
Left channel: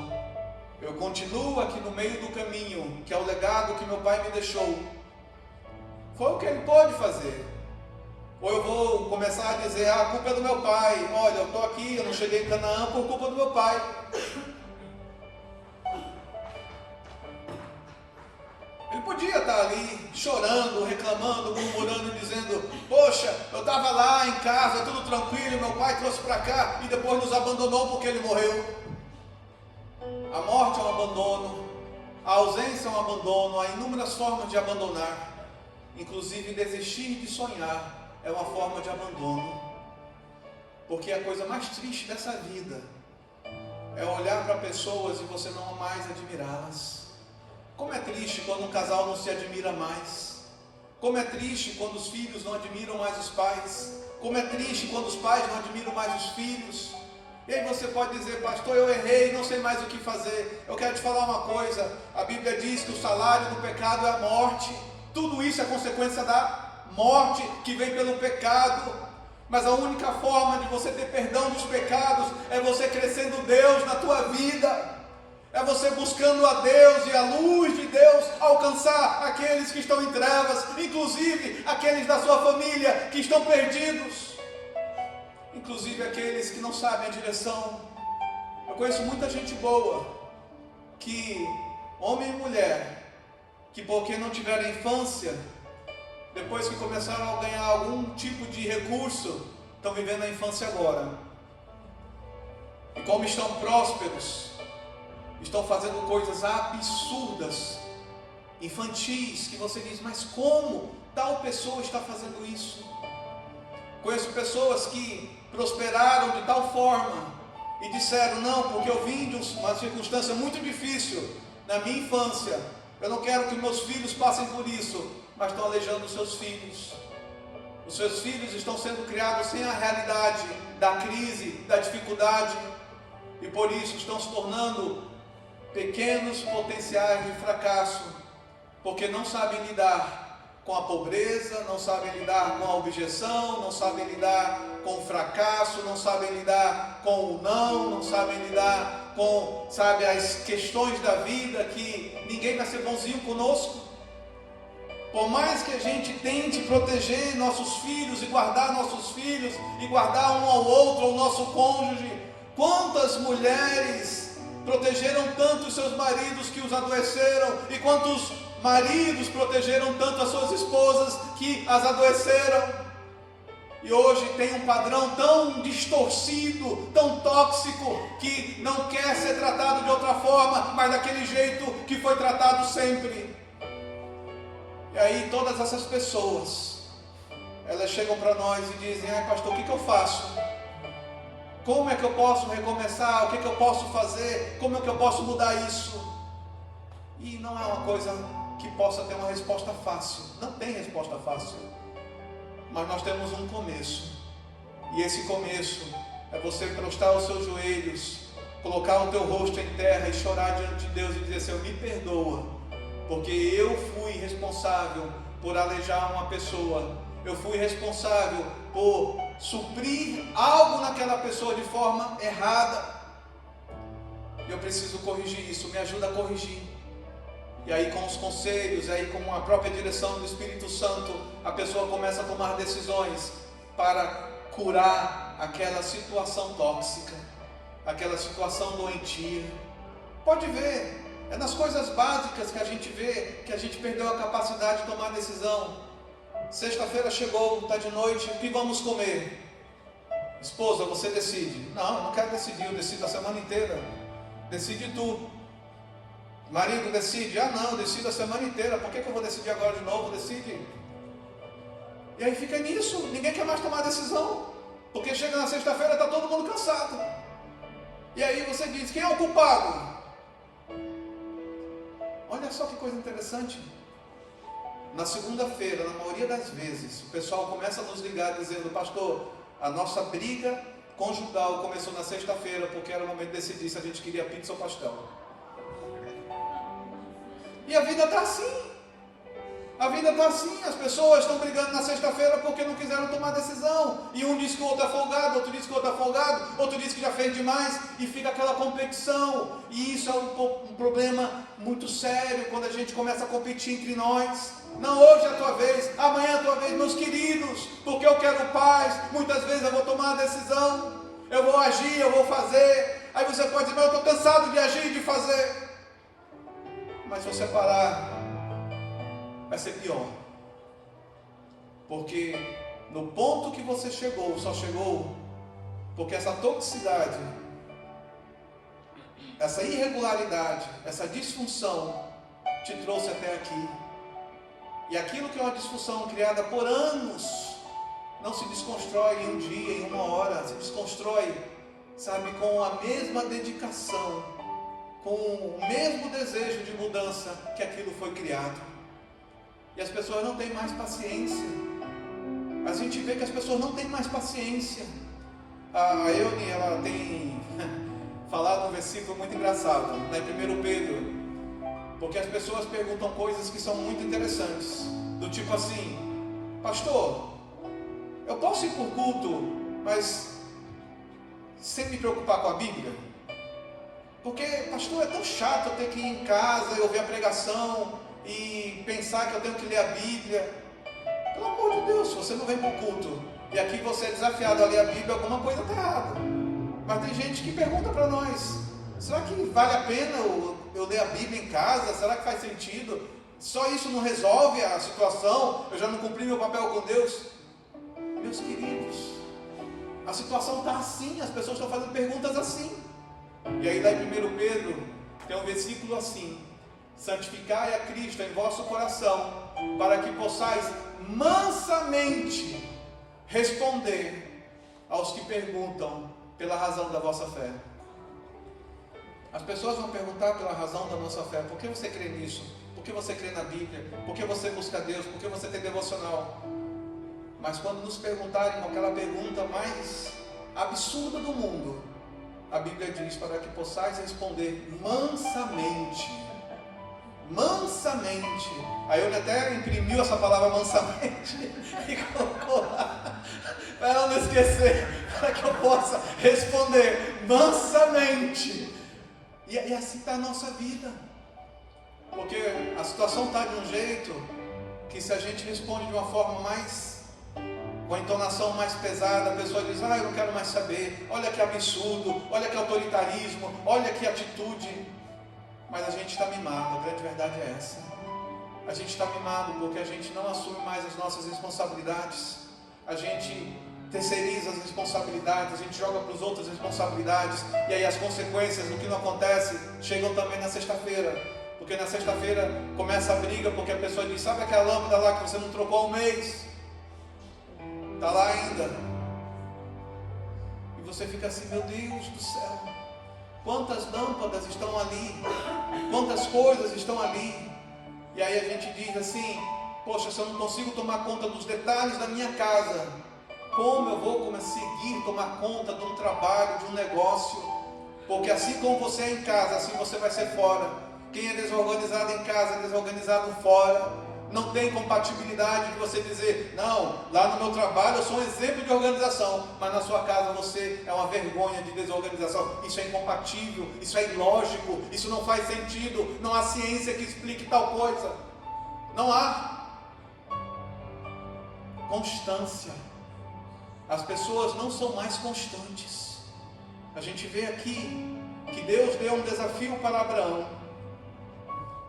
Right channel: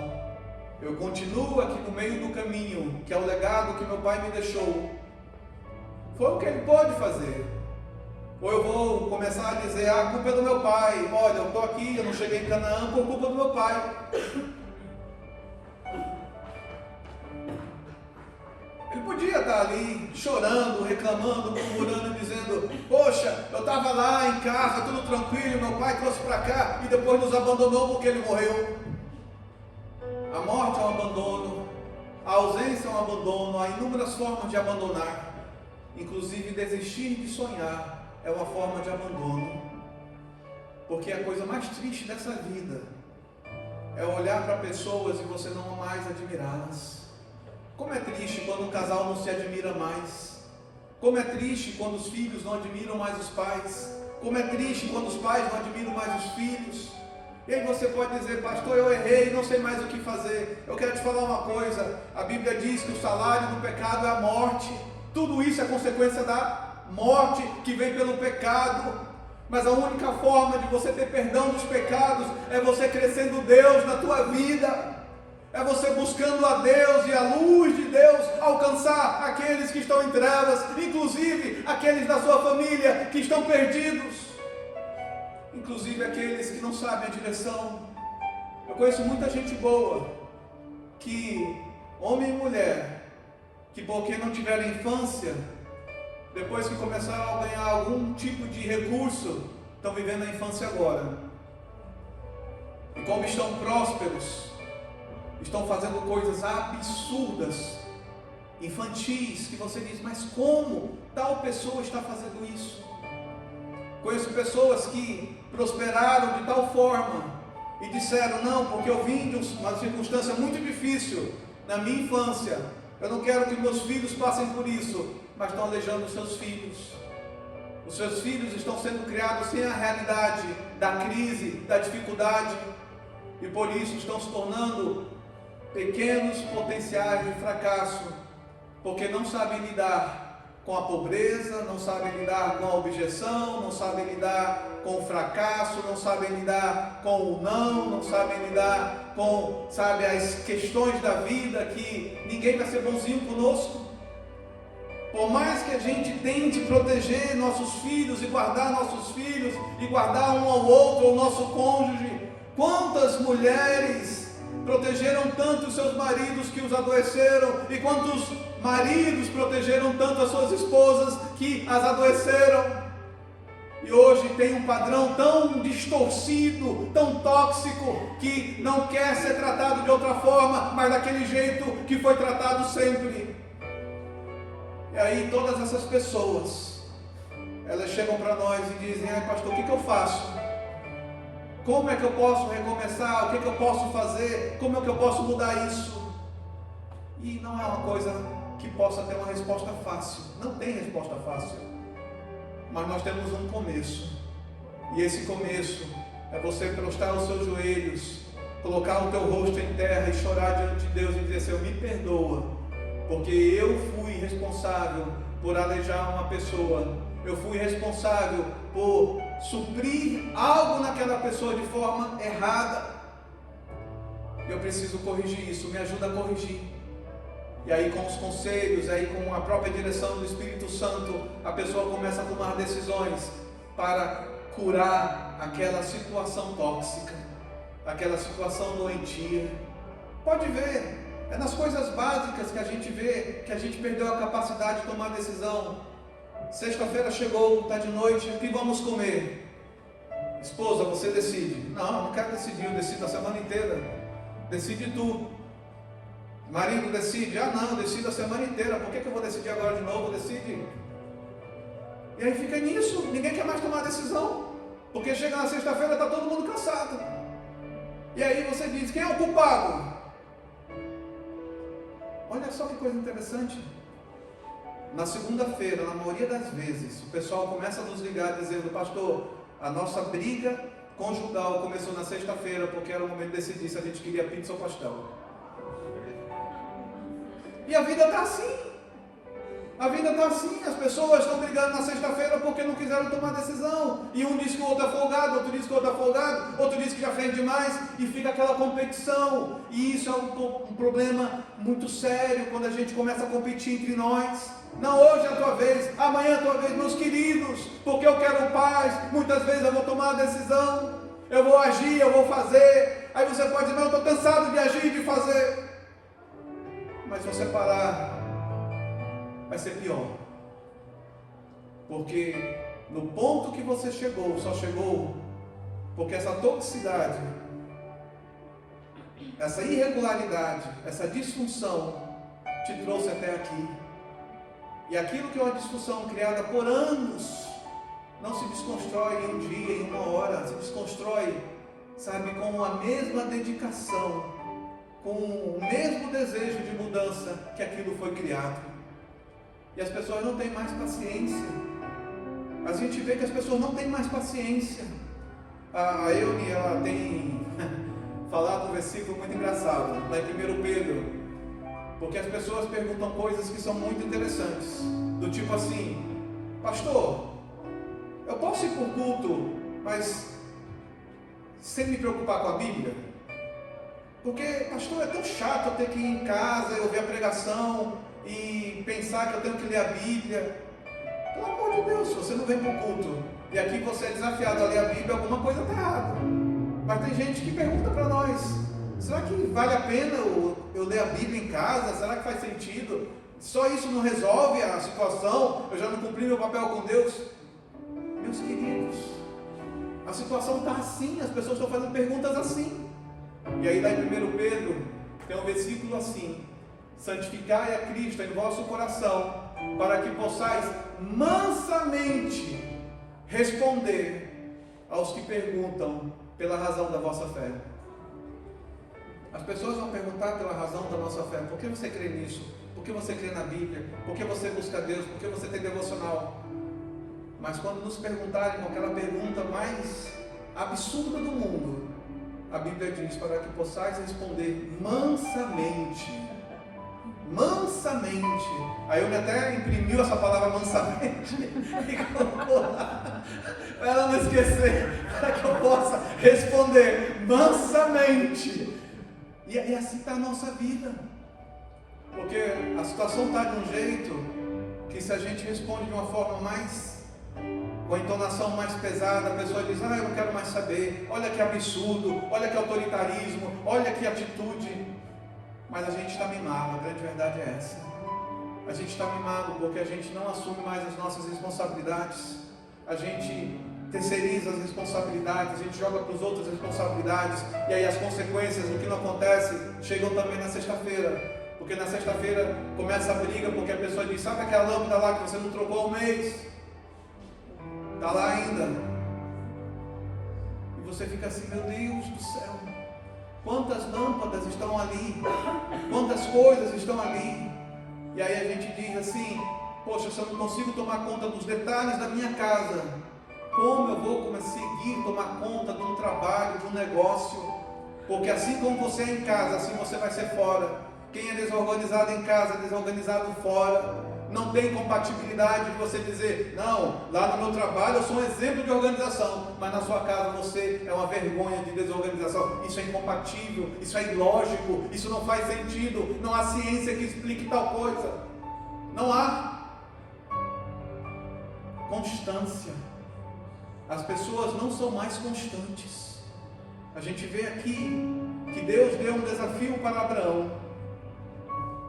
Eu continuo aqui no meio do caminho, que é o legado que meu pai me deixou. Foi o que ele pôde fazer. Ou eu vou começar a dizer, a culpa é do meu pai. Olha, eu estou aqui, eu não cheguei em Canaã por culpa do meu pai. Ele podia estar ali chorando, reclamando, murmurando, dizendo, poxa, eu estava lá em casa, tudo tranquilo, meu pai trouxe para cá e depois nos abandonou porque ele morreu. A morte é um abandono, a ausência é um abandono, há inúmeras formas de abandonar, inclusive desistir de sonhar. É uma forma de abandono, porque a coisa mais triste dessa vida é olhar para pessoas e você não mais admirá-las. Como é triste quando um casal não se admira mais. Como é triste quando os filhos não admiram mais os pais. Como é triste quando os pais não admiram mais os filhos. E aí você pode dizer, pastor, eu errei, não sei mais o que fazer. Eu quero te falar uma coisa, a Bíblia diz que o salário do pecado é a morte. Tudo isso é consequência da morte que vem pelo pecado, mas a única forma de você ter perdão dos pecados é você crescendo Deus na tua vida, é você buscando a Deus e a luz de Deus alcançar aqueles que estão em trevas, inclusive aqueles da sua família que estão perdidos, inclusive aqueles que não sabem a direção. Eu conheço muita gente boa, que homem e mulher, que porque não tiveram infância, depois que começaram a ganhar algum tipo de recurso, estão vivendo a infância agora. E como estão prósperos, estão fazendo coisas absurdas, infantis, que você diz, mas como tal pessoa está fazendo isso? Conheço pessoas que prosperaram de tal forma e disseram, não, porque eu vim de uma circunstância muito difícil na minha infância, eu não quero que meus filhos passem por isso, mas estão aleijando os seus filhos. Os seus filhos estão sendo criados sem a realidade da crise, da dificuldade, e por isso estão se tornando pequenos potenciais de fracasso, porque não sabem lidar com a pobreza, não sabem lidar com a objeção, não sabem lidar com o fracasso, não sabem lidar com o não sabem lidar com, as questões da vida, que ninguém vai ser bonzinho conosco. Por mais que a gente tente proteger nossos filhos e guardar nossos filhos e guardar um ao outro, o nosso cônjuge, quantas mulheres protegeram tanto os seus maridos que os adoeceram, e quantos maridos protegeram tanto as suas esposas que as adoeceram. E hoje tem um padrão tão distorcido, tão tóxico, que não quer ser tratado de outra forma, mas daquele jeito que foi tratado sempre. E aí todas essas pessoas, elas chegam para nós e dizem: pastor, o que eu faço? Como é que eu posso recomeçar? O que eu posso fazer? Como é que eu posso mudar isso? E não é uma coisa que possa ter uma resposta fácil. Não tem resposta fácil. Mas nós temos um começo. E esse começo é você prostrar os seus joelhos, colocar o teu rosto em terra e chorar diante de Deus e dizer: Senhor, me perdoa, porque eu fui responsável por aleijar uma pessoa. Eu fui responsável por suprir algo naquela pessoa de forma errada. Eu preciso corrigir isso, me ajuda a corrigir. E aí, com os conselhos, aí com a própria direção do Espírito Santo, a pessoa começa a tomar decisões para curar aquela situação tóxica, aquela situação doentia. Pode ver, é nas coisas básicas que a gente vê que a gente perdeu a capacidade de tomar decisão. Sexta-feira chegou, está de noite, o que vamos comer? Esposa, você decide. Não, eu não quero decidir, eu decido a semana inteira. Decide tu. Marido decide. Não, eu decido a semana inteira. Por que eu vou decidir agora de novo? Decide. E aí fica nisso. Ninguém quer mais tomar decisão. Porque chega na sexta-feira, está todo mundo cansado. E aí você diz: quem é o culpado? Olha só que coisa interessante. Na segunda-feira, na maioria das vezes, o pessoal começa a nos ligar dizendo: pastor, a nossa briga conjugal começou na sexta-feira, porque era o momento de decidir se a gente queria pizza ou pastel. E a vida está assim. A vida está assim. As pessoas estão brigando na sexta-feira porque não quiseram tomar decisão. E um diz que o outro é folgado, outro diz que o outro é folgado, outro diz que já fez demais, e fica aquela competição. E isso é um problema muito sério quando a gente começa a competir entre nós. Não, hoje é a tua vez, amanhã é a tua vez, meus queridos, porque eu quero paz. Muitas vezes eu vou tomar a decisão, eu vou agir, eu vou fazer. Aí você pode dizer: mas eu estou cansado de agir e de fazer. Mas se você parar, vai ser pior. Porque no ponto que você chegou, só chegou porque essa toxicidade, essa irregularidade, essa disfunção te trouxe até aqui. E aquilo que é uma disfunção criada por anos, não se desconstrói em um dia, em uma hora. Se desconstrói, sabe, com a mesma dedicação, com o mesmo desejo de mudança que aquilo foi criado. E as pessoas não têm mais paciência. A gente vê que as pessoas não têm mais paciência. A Eune, ela tem falado um versículo muito engraçado, lá em 1 Pedro, porque as pessoas perguntam coisas que são muito interessantes, do tipo assim: pastor, eu posso ir por culto, mas sem me preocupar com a Bíblia? Porque, pastor, é tão chato eu ter que ir em casa e ouvir a pregação e pensar que eu tenho que ler a Bíblia. Pelo amor de Deus, se você não vem para o culto e aqui você é desafiado a ler a Bíblia, alguma coisa está errada. Mas tem gente que pergunta para nós: será que vale a pena eu ler a Bíblia em casa? Será que faz sentido? Só isso não resolve a situação? Eu já não cumpri meu papel com Deus? Meus queridos, a situação está assim, as pessoas estão fazendo perguntas assim. E aí lá em 1 Pedro tem um versículo assim: santificai a Cristo em vosso coração, para que possais mansamente responder aos que perguntam pela razão da vossa fé. As pessoas vão perguntar pela razão da nossa fé: por que você crê nisso? Por que você crê na Bíblia? Por que você busca Deus? Por que você tem devocional? Mas quando nos perguntarem aquela pergunta mais absurda do mundo, a Bíblia diz: para que possais responder mansamente. Mansamente. Aí eu até imprimiu essa palavra mansamente e colocou lá, para ela não esquecer, para que eu possa responder mansamente. E assim está a nossa vida. Porque a situação está de um jeito, que se a gente responde de uma forma mais, com a entonação mais pesada, a pessoa diz, eu não quero mais saber, olha que absurdo, olha que autoritarismo, olha que atitude. Mas a gente está mimado, a grande verdade é essa. A gente está mimado porque a gente não assume mais as nossas responsabilidades. A gente terceiriza as responsabilidades, a gente joga para os outros as responsabilidades, e aí as consequências do que não acontece chegam também na sexta-feira, porque na sexta-feira começa a briga, porque a pessoa diz, sabe aquela lâmpada lá que você não trocou há um mês? Está lá ainda. E você fica assim, meu Deus do céu, quantas lâmpadas estão ali, quantas coisas estão ali. E aí a gente diz assim, poxa, se eu não consigo tomar conta dos detalhes da minha casa, como eu vou conseguir tomar conta de um trabalho, de um negócio? Porque assim como você é em casa, assim você vai ser fora. Quem é desorganizado em casa, é desorganizado fora. Não tem compatibilidade de você dizer, não, lá no meu trabalho eu sou um exemplo de organização, mas na sua casa você é uma vergonha de desorganização. Isso é incompatível, isso é ilógico, isso não faz sentido, não há ciência que explique tal coisa. Não há constância. As pessoas não são mais constantes. A gente vê aqui que Deus deu um desafio para Abraão.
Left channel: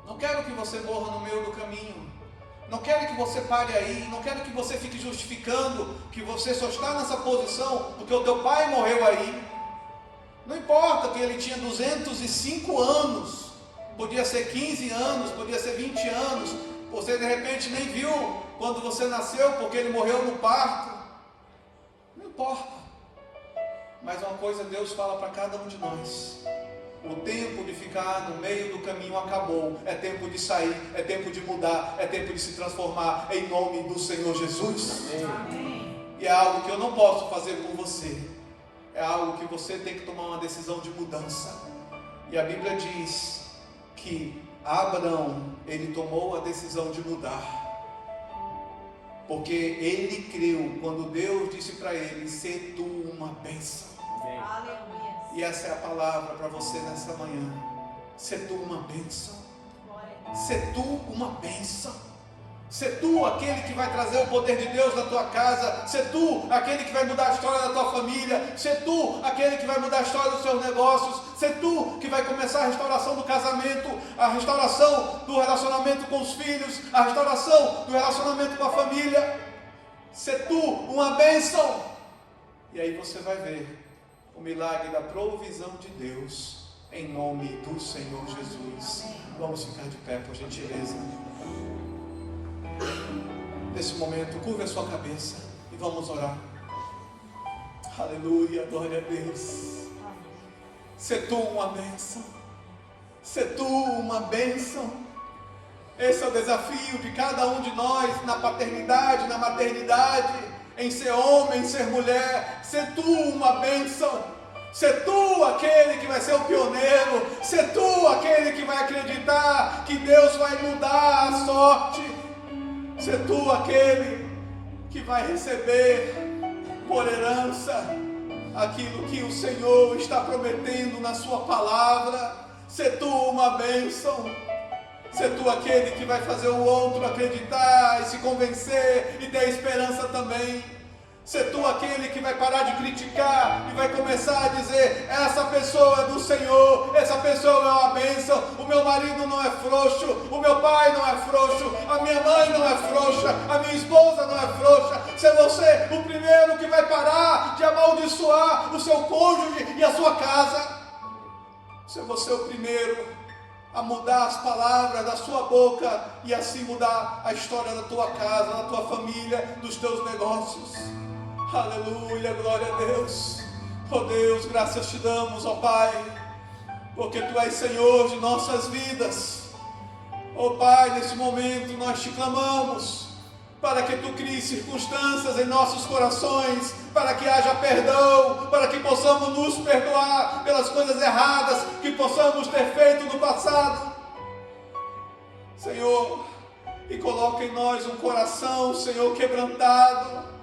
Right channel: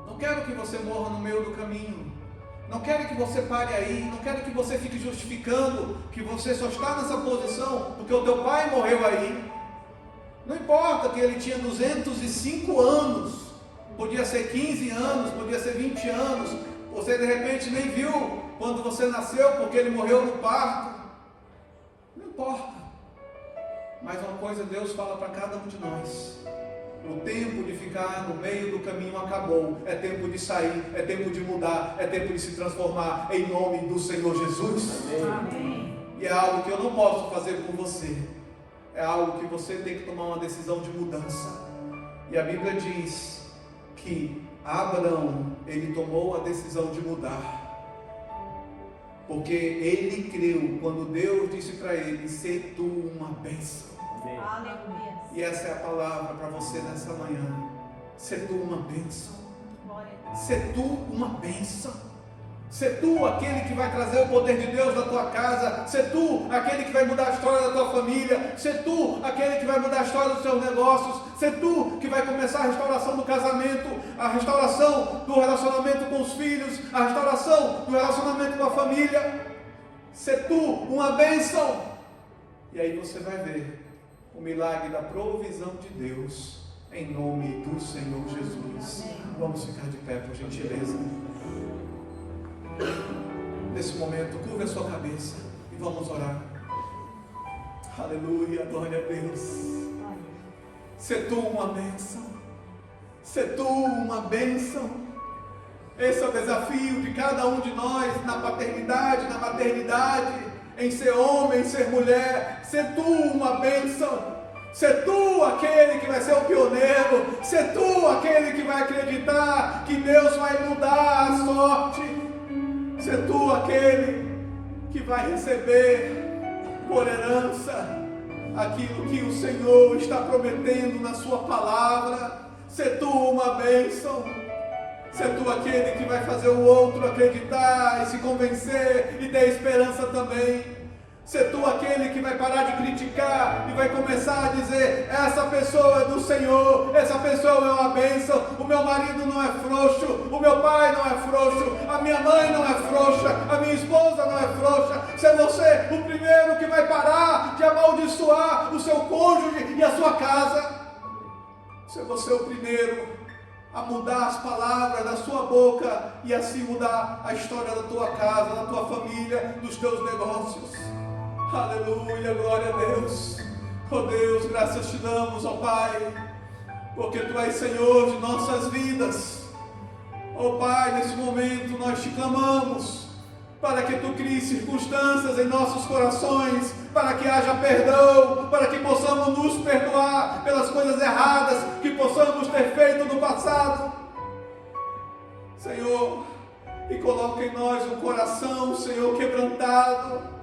Não quero que você morra no meio do caminho. Não quero que você pare aí. Não quero que você fique justificando que você só está nessa posição porque o teu pai morreu aí. Não importa que ele tinha 205 anos. Podia ser 15 anos, podia ser 20 anos. Você de repente nem viu quando você nasceu porque ele morreu no parto. Não importa, mas uma coisa Deus fala para cada um de nós: o tempo de ficar no meio do caminho acabou, é tempo de sair, é tempo de mudar, é tempo de se transformar em nome do Senhor Jesus. Amém. E é algo que eu não posso fazer por você, é algo que você tem que tomar uma decisão de mudança. E a Bíblia diz que Abraão, ele tomou a decisão de mudar. Porque ele creu quando Deus disse para ele, "Sê tu uma bênção." Aleluia. E essa é a palavra para você nessa manhã. Sê tu uma bênção. Sê tu uma bênção. Sê tu aquele que vai trazer o poder de Deus na tua casa. Sê tu aquele que vai mudar a história da tua família. Sê tu aquele que vai mudar a história dos seus negócios. Sê tu que vai começar a restauração do casamento, a restauração do relacionamento com os filhos, a restauração do relacionamento com a família. Sê tu uma bênção. E aí você vai ver o milagre da provisão de Deus, em nome do Senhor Jesus. Vamos ficar de pé, por gentileza. Nesse momento, curva a sua cabeça e vamos orar. Aleluia, glória a Deus. Sê tu uma bênção. Sê tu uma bênção. Esse é o desafio de cada um de nós, na paternidade, na maternidade, em ser homem, em ser mulher. Sê tu uma bênção. Sê tu aquele que vai ser o pioneiro. Sê tu aquele que vai acreditar que Deus vai mudar a sorte. Sê tu aquele que vai receber por herança aquilo que o Senhor está prometendo na sua palavra. Sê tu uma bênção. Sê tu aquele que vai fazer o outro acreditar e se convencer e ter esperança também. Sê tu aquele que vai parar de criticar e vai começar a dizer, essa pessoa é do Senhor, essa pessoa é uma bênção, o meu marido não é frouxo, o meu pai não é frouxo, a minha mãe não é frouxa, a minha esposa não é frouxa. Sê você o primeiro que vai parar de amaldiçoar o seu cônjuge e a sua casa. Sê você o primeiro a mudar as palavras da sua boca e assim mudar a história da tua casa, da tua família, dos teus negócios. Aleluia, glória a Deus. Oh Deus, graças te damos, ó Pai, porque Tu és Senhor de nossas vidas. Oh Pai, nesse momento nós te clamamos para que Tu cries circunstâncias em nossos corações, para que haja perdão, para que possamos nos perdoar pelas coisas erradas que possamos ter feito no passado. Senhor, e coloca em nós um coração, Senhor, quebrantado,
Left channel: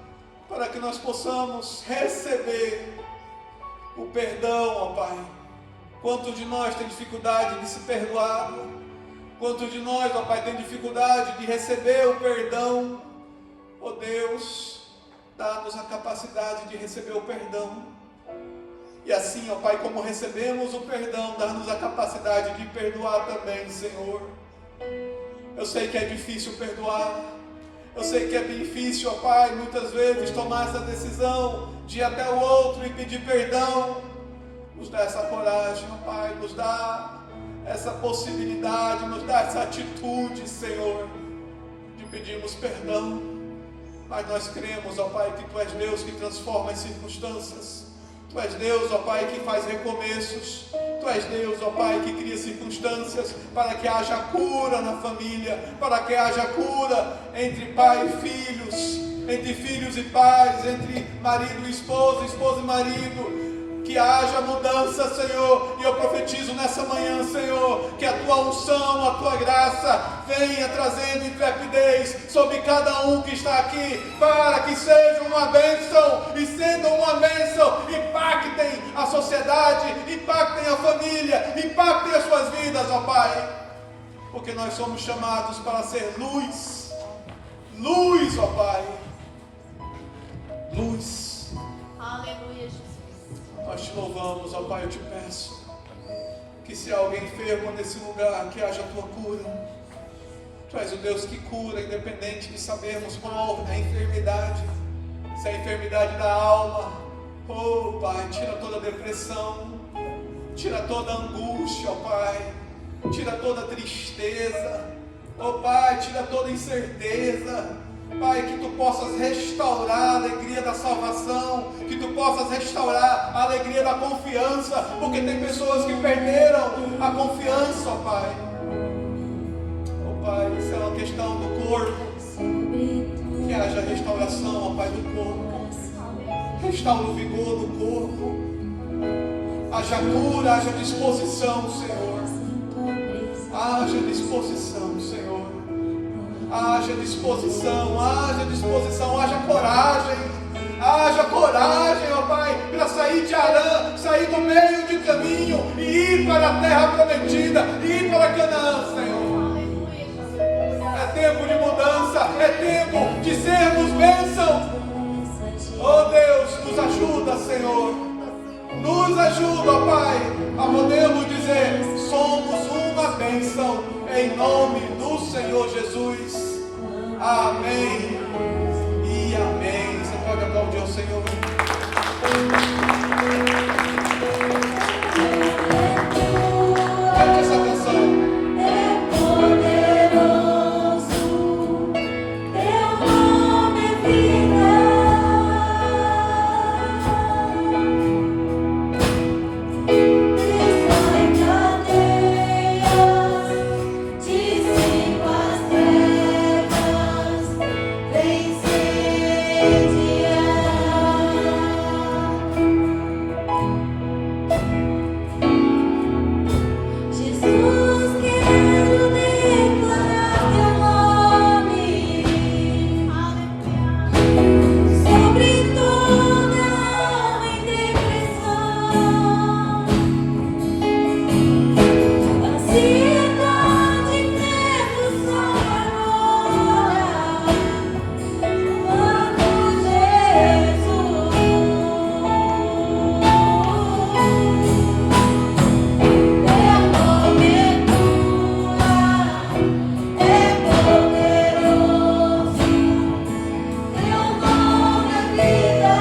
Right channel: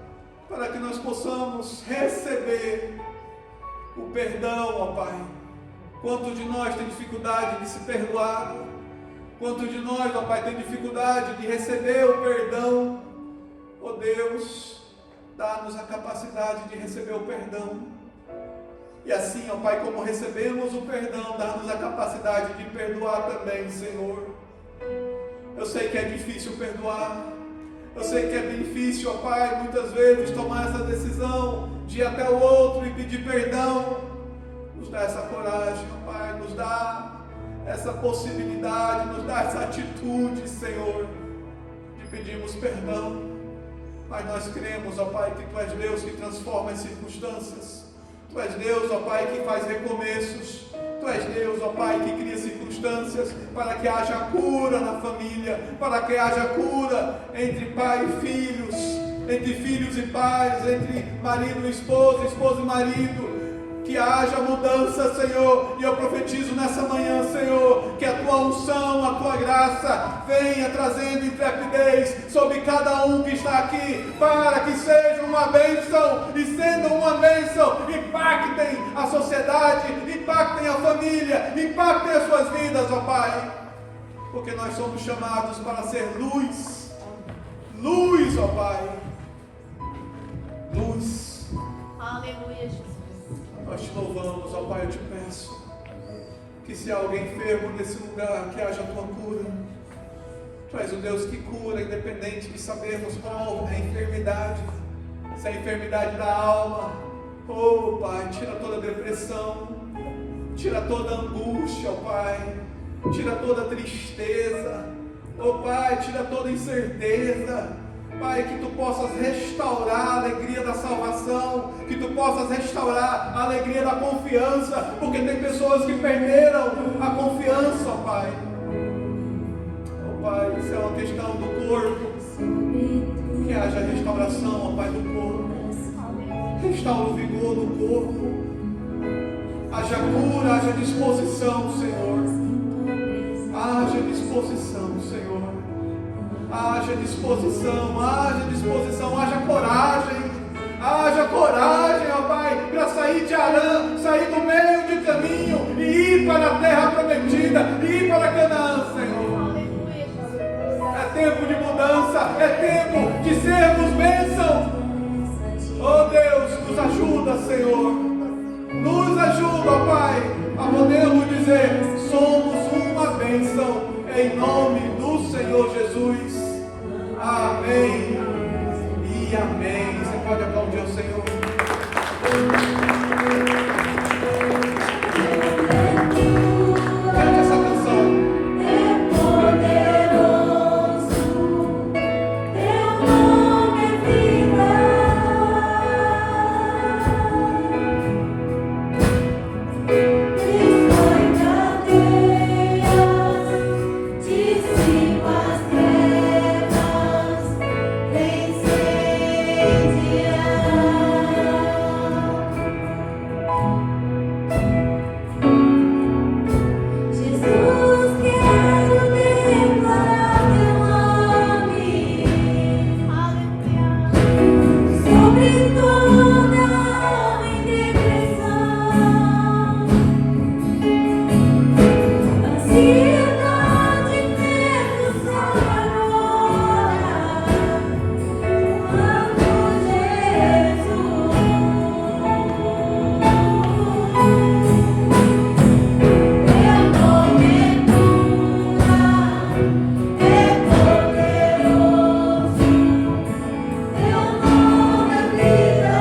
para que nós possamos receber o perdão, ó Pai. Quantos de nós tem dificuldade de se perdoar? Quantos de nós, ó Pai, tem dificuldade de receber o perdão? Ó Deus, dá-nos a capacidade de receber o perdão. E assim, ó Pai, como recebemos o perdão, dá-nos a capacidade de perdoar também, Senhor. Eu sei que é difícil perdoar. Eu sei que é difícil, ó Pai, muitas vezes tomar essa decisão de ir até o outro e pedir perdão. Nos dá essa coragem, ó Pai, nos dá essa possibilidade, nos dá essa atitude, Senhor, de pedirmos perdão. Mas nós cremos, ó Pai, que Tu és Deus que transforma as circunstâncias. Tu és Deus, ó Pai, que faz recomeços. Tu és Deus, ó Pai, que cria circunstâncias para que haja cura na família, para que haja cura entre pai e filhos, entre filhos e pais, entre marido e esposa e marido. Que haja mudança, Senhor, e eu profetizo nessa manhã, Senhor, que a Tua unção, a Tua graça venha trazendo intrepidez sobre cada um que está aqui, para que seja uma bênção, e sendo uma bênção, impactem a sociedade, impactem a família, impactem as suas vidas, ó Pai, porque nós somos chamados para ser luz, luz, ó Pai, luz. Aleluia, Jesus. Nós te louvamos, ó Pai, eu te peço que se há alguém enfermo nesse lugar, que haja a Tua cura. Tu és o Deus que cura, independente de sabermos qual é a enfermidade, se é a enfermidade da alma. Oh Pai, tira toda a depressão, tira toda a angústia, ó Pai, tira toda a tristeza, ó Pai, tira toda a incerteza. Pai, que Tu possas restaurar a alegria da salvação, que Tu possas restaurar a alegria da confiança, porque tem pessoas que perderam a confiança, ó Pai. Ó Pai, isso é uma questão do corpo, que haja restauração, ó Pai, do corpo. Restaura o vigor do corpo. Haja cura, haja disposição, Senhor. Haja disposição, Senhor. Haja disposição, haja coragem, ó Pai, para sair de Arã, sair do meio de caminho e ir para a terra prometida, ir para Canaã, Senhor. É tempo de mudança, é tempo de sermos bênção. Oh Deus, nos ajuda, Senhor, nos ajuda, ó Pai, a podermos dizer, somos uma bênção, em nome do Senhor Jesus. Amém e amém. Você pode aplaudir o Senhor. Cante essa canção. É poderoso, Teu nome é vida. Destrói cadeias, dissipa as trevas, vence dia. Jesus, quero declarar Teu nome sobre toda alma em depressão, ansiedade, medo, sai agora, amo Jesus. Teu nome é cura, é poderoso, Teu nome é vida.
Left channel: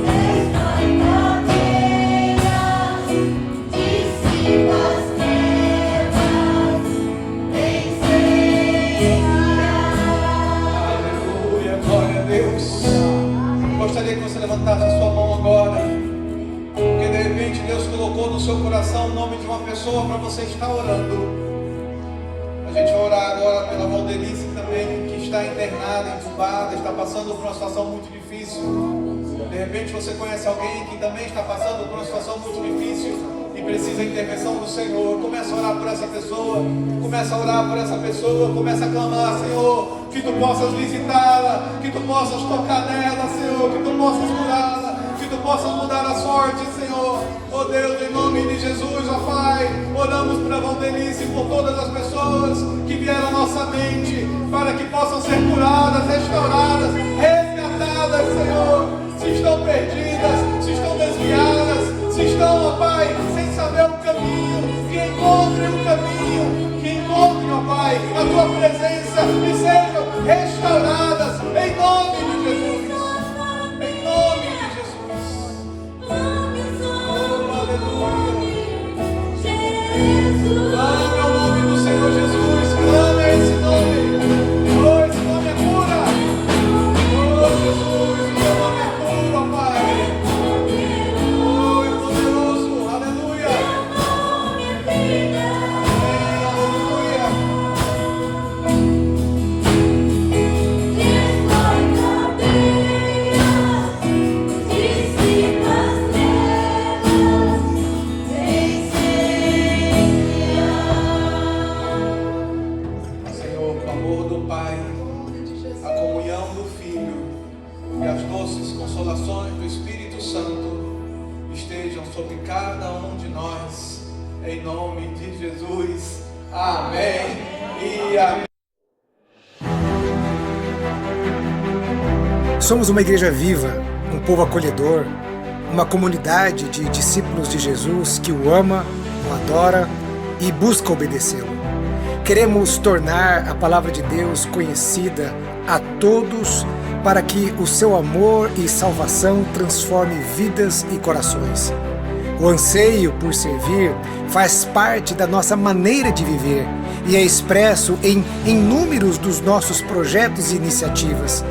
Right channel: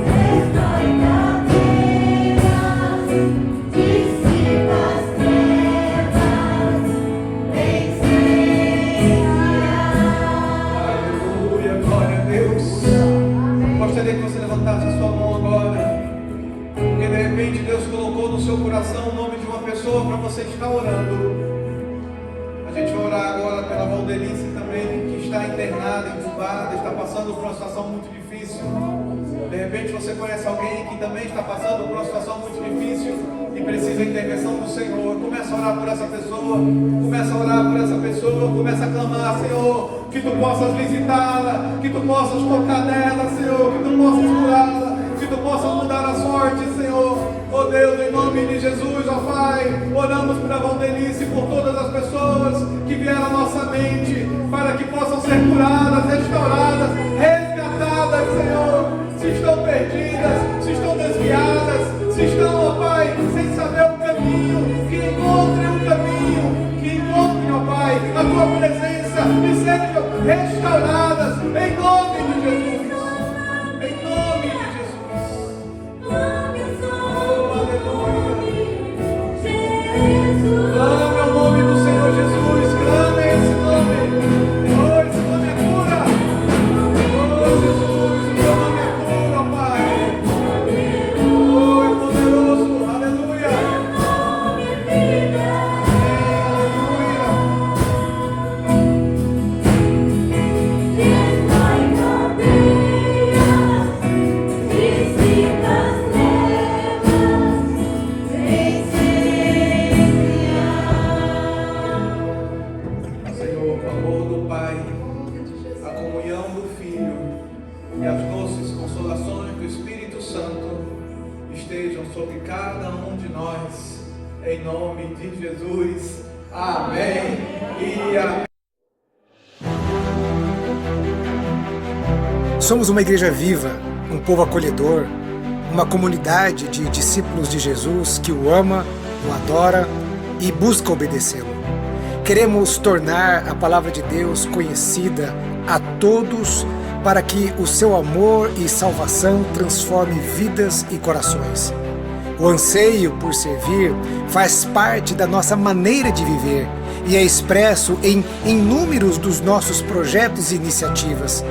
Destrói cadeias, dissipa as trevas, Aleluia, glória a Deus. Gostaria que você levantasse a sua mão agora, porque de repente Deus colocou no seu coração o nome de uma pessoa para você estar orando. A gente vai orar agora pela Valdelice também, que está internada, entubada, está passando por uma situação muito difícil. De repente você conhece alguém que também está passando por uma situação muito difícil e precisa da intervenção do Senhor. Começa a orar por essa pessoa, começa a orar por essa pessoa, começa a clamar, Senhor, que Tu possas visitá-la, que Tu possas tocar nela, Senhor, que Tu possas curá-la, que Tu possas mudar a sorte, Senhor. Oh Deus, em nome de Jesus, ó Pai, oramos pela Valdelice, por todas as pessoas que vieram à nossa mente, para que possam ser curadas, restauradas, resgatadas, Senhor. Se estão perdidas, se estão desviadas, se estão, ó Pai, sem saber o caminho, que encontrem o caminho, que encontrem, ó Pai, a Tua presença e sejam restauradas, em nome de Jesus. Em nome de Jesus. Oh, aleluia. Clame ao nome do Senhor Jesus. Clame a esse nome. Oh, esse nome é cura. Oh, Jesus, o teu nome é cura, ó Pai. Oh, é poderoso. Aleluia. Aleluia. Senhor, o amor do Pai, a comunhão do Filho e as doces consolações do Espírito Santo estejam sobre cada um de nós, em nome de Jesus. Amém e amém. Somos uma igreja viva, um povo acolhedor, uma comunidade de discípulos de Jesus que o ama, o adora e busca obedecê-lo. Queremos tornar a palavra de Deus conhecida a todos para que o seu amor e salvação transforme vidas e corações. O anseio por servir faz parte da nossa maneira de viver e é expresso em inúmeros dos nossos projetos e iniciativas.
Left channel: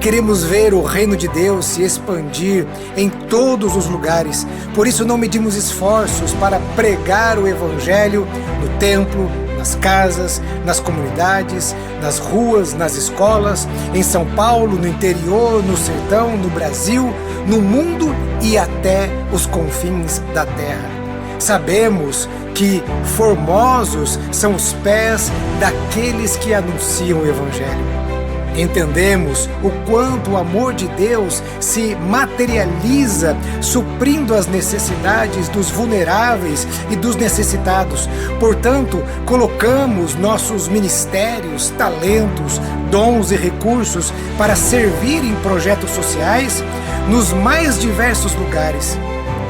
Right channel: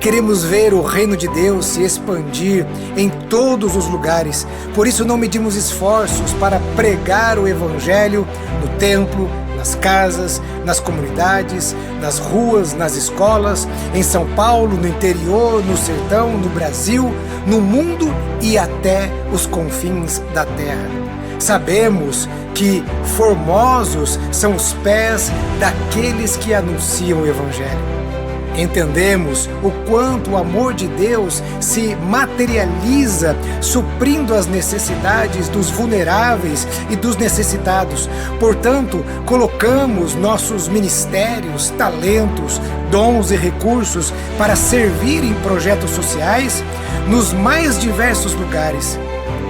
Queremos ver o reino de Deus se expandir em todos os lugares, por isso não medimos esforços para pregar o Evangelho no templo, nas casas, nas comunidades, nas ruas, nas escolas, em São Paulo, no interior, no sertão, no Brasil, no mundo e até os confins da terra. Sabemos que formosos são os pés daqueles que anunciam o Evangelho. Entendemos o quanto o amor de Deus se materializa suprindo as necessidades dos vulneráveis e dos necessitados. Portanto, colocamos nossos ministérios, talentos, dons e recursos para servir em projetos sociais nos mais diversos lugares.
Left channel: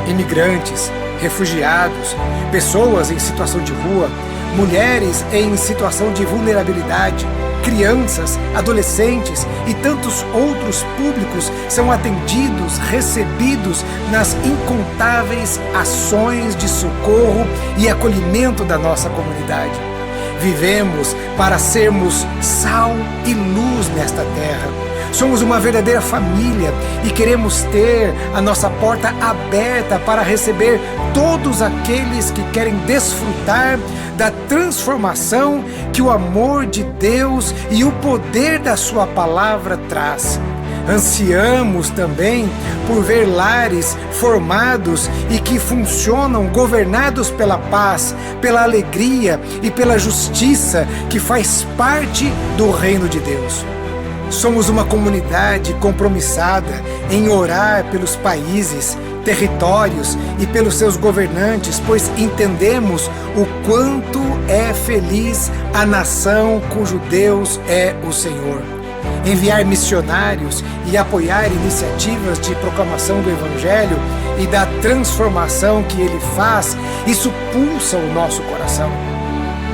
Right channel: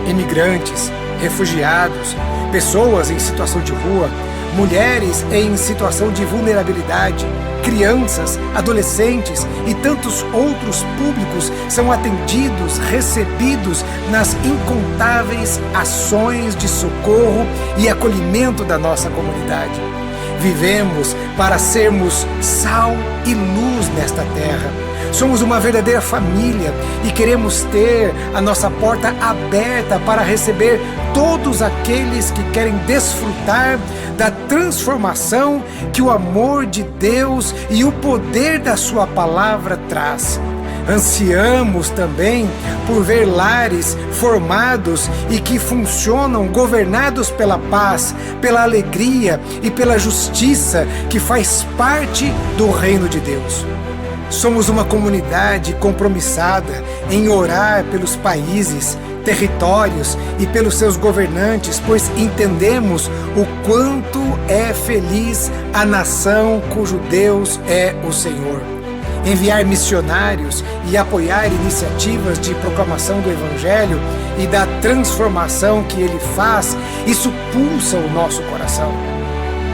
Imigrantes, refugiados, pessoas em situação de rua, mulheres em situação de vulnerabilidade, crianças, adolescentes e tantos outros públicos são atendidos, recebidos nas incontáveis ações de socorro e acolhimento da nossa comunidade. Vivemos para sermos sal e luz nesta terra. Somos uma verdadeira família e queremos ter a nossa porta aberta para receber todos aqueles que querem desfrutar da transformação que o amor de Deus e o poder da sua palavra traz. Ansiamos também por ver lares formados e que funcionam governados pela paz, pela alegria e pela justiça que faz parte do reino de Deus. Somos uma comunidade compromissada em orar pelos países, territórios e pelos seus governantes, pois entendemos o quanto é feliz a nação cujo Deus é o Senhor. Enviar missionários e apoiar iniciativas de proclamação do Evangelho e da transformação que ele faz, isso pulsa o nosso coração.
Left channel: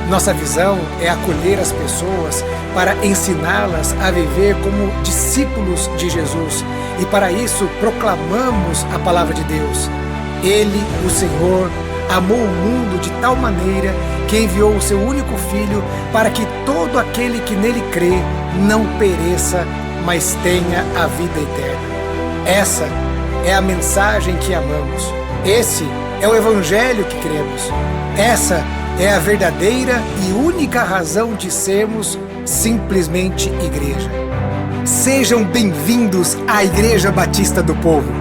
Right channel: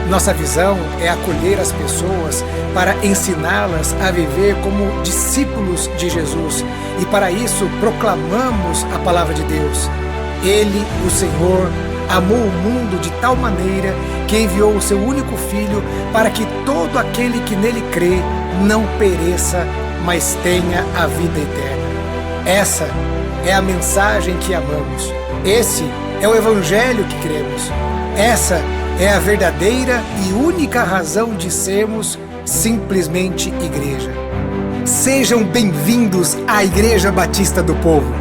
Nossa visão é acolher as pessoas para ensiná-las a viver como discípulos de Jesus e para isso proclamamos a palavra de Deus. Ele, o Senhor, amou o mundo de tal maneira que enviou o seu único Filho para que todo aquele que nele crê não pereça, mas tenha a vida eterna. Essa é a mensagem que amamos. Esse é o Evangelho que cremos. Essa é a verdadeira e única razão de sermos simplesmente igreja. Sejam bem-vindos à Igreja Batista do Povo.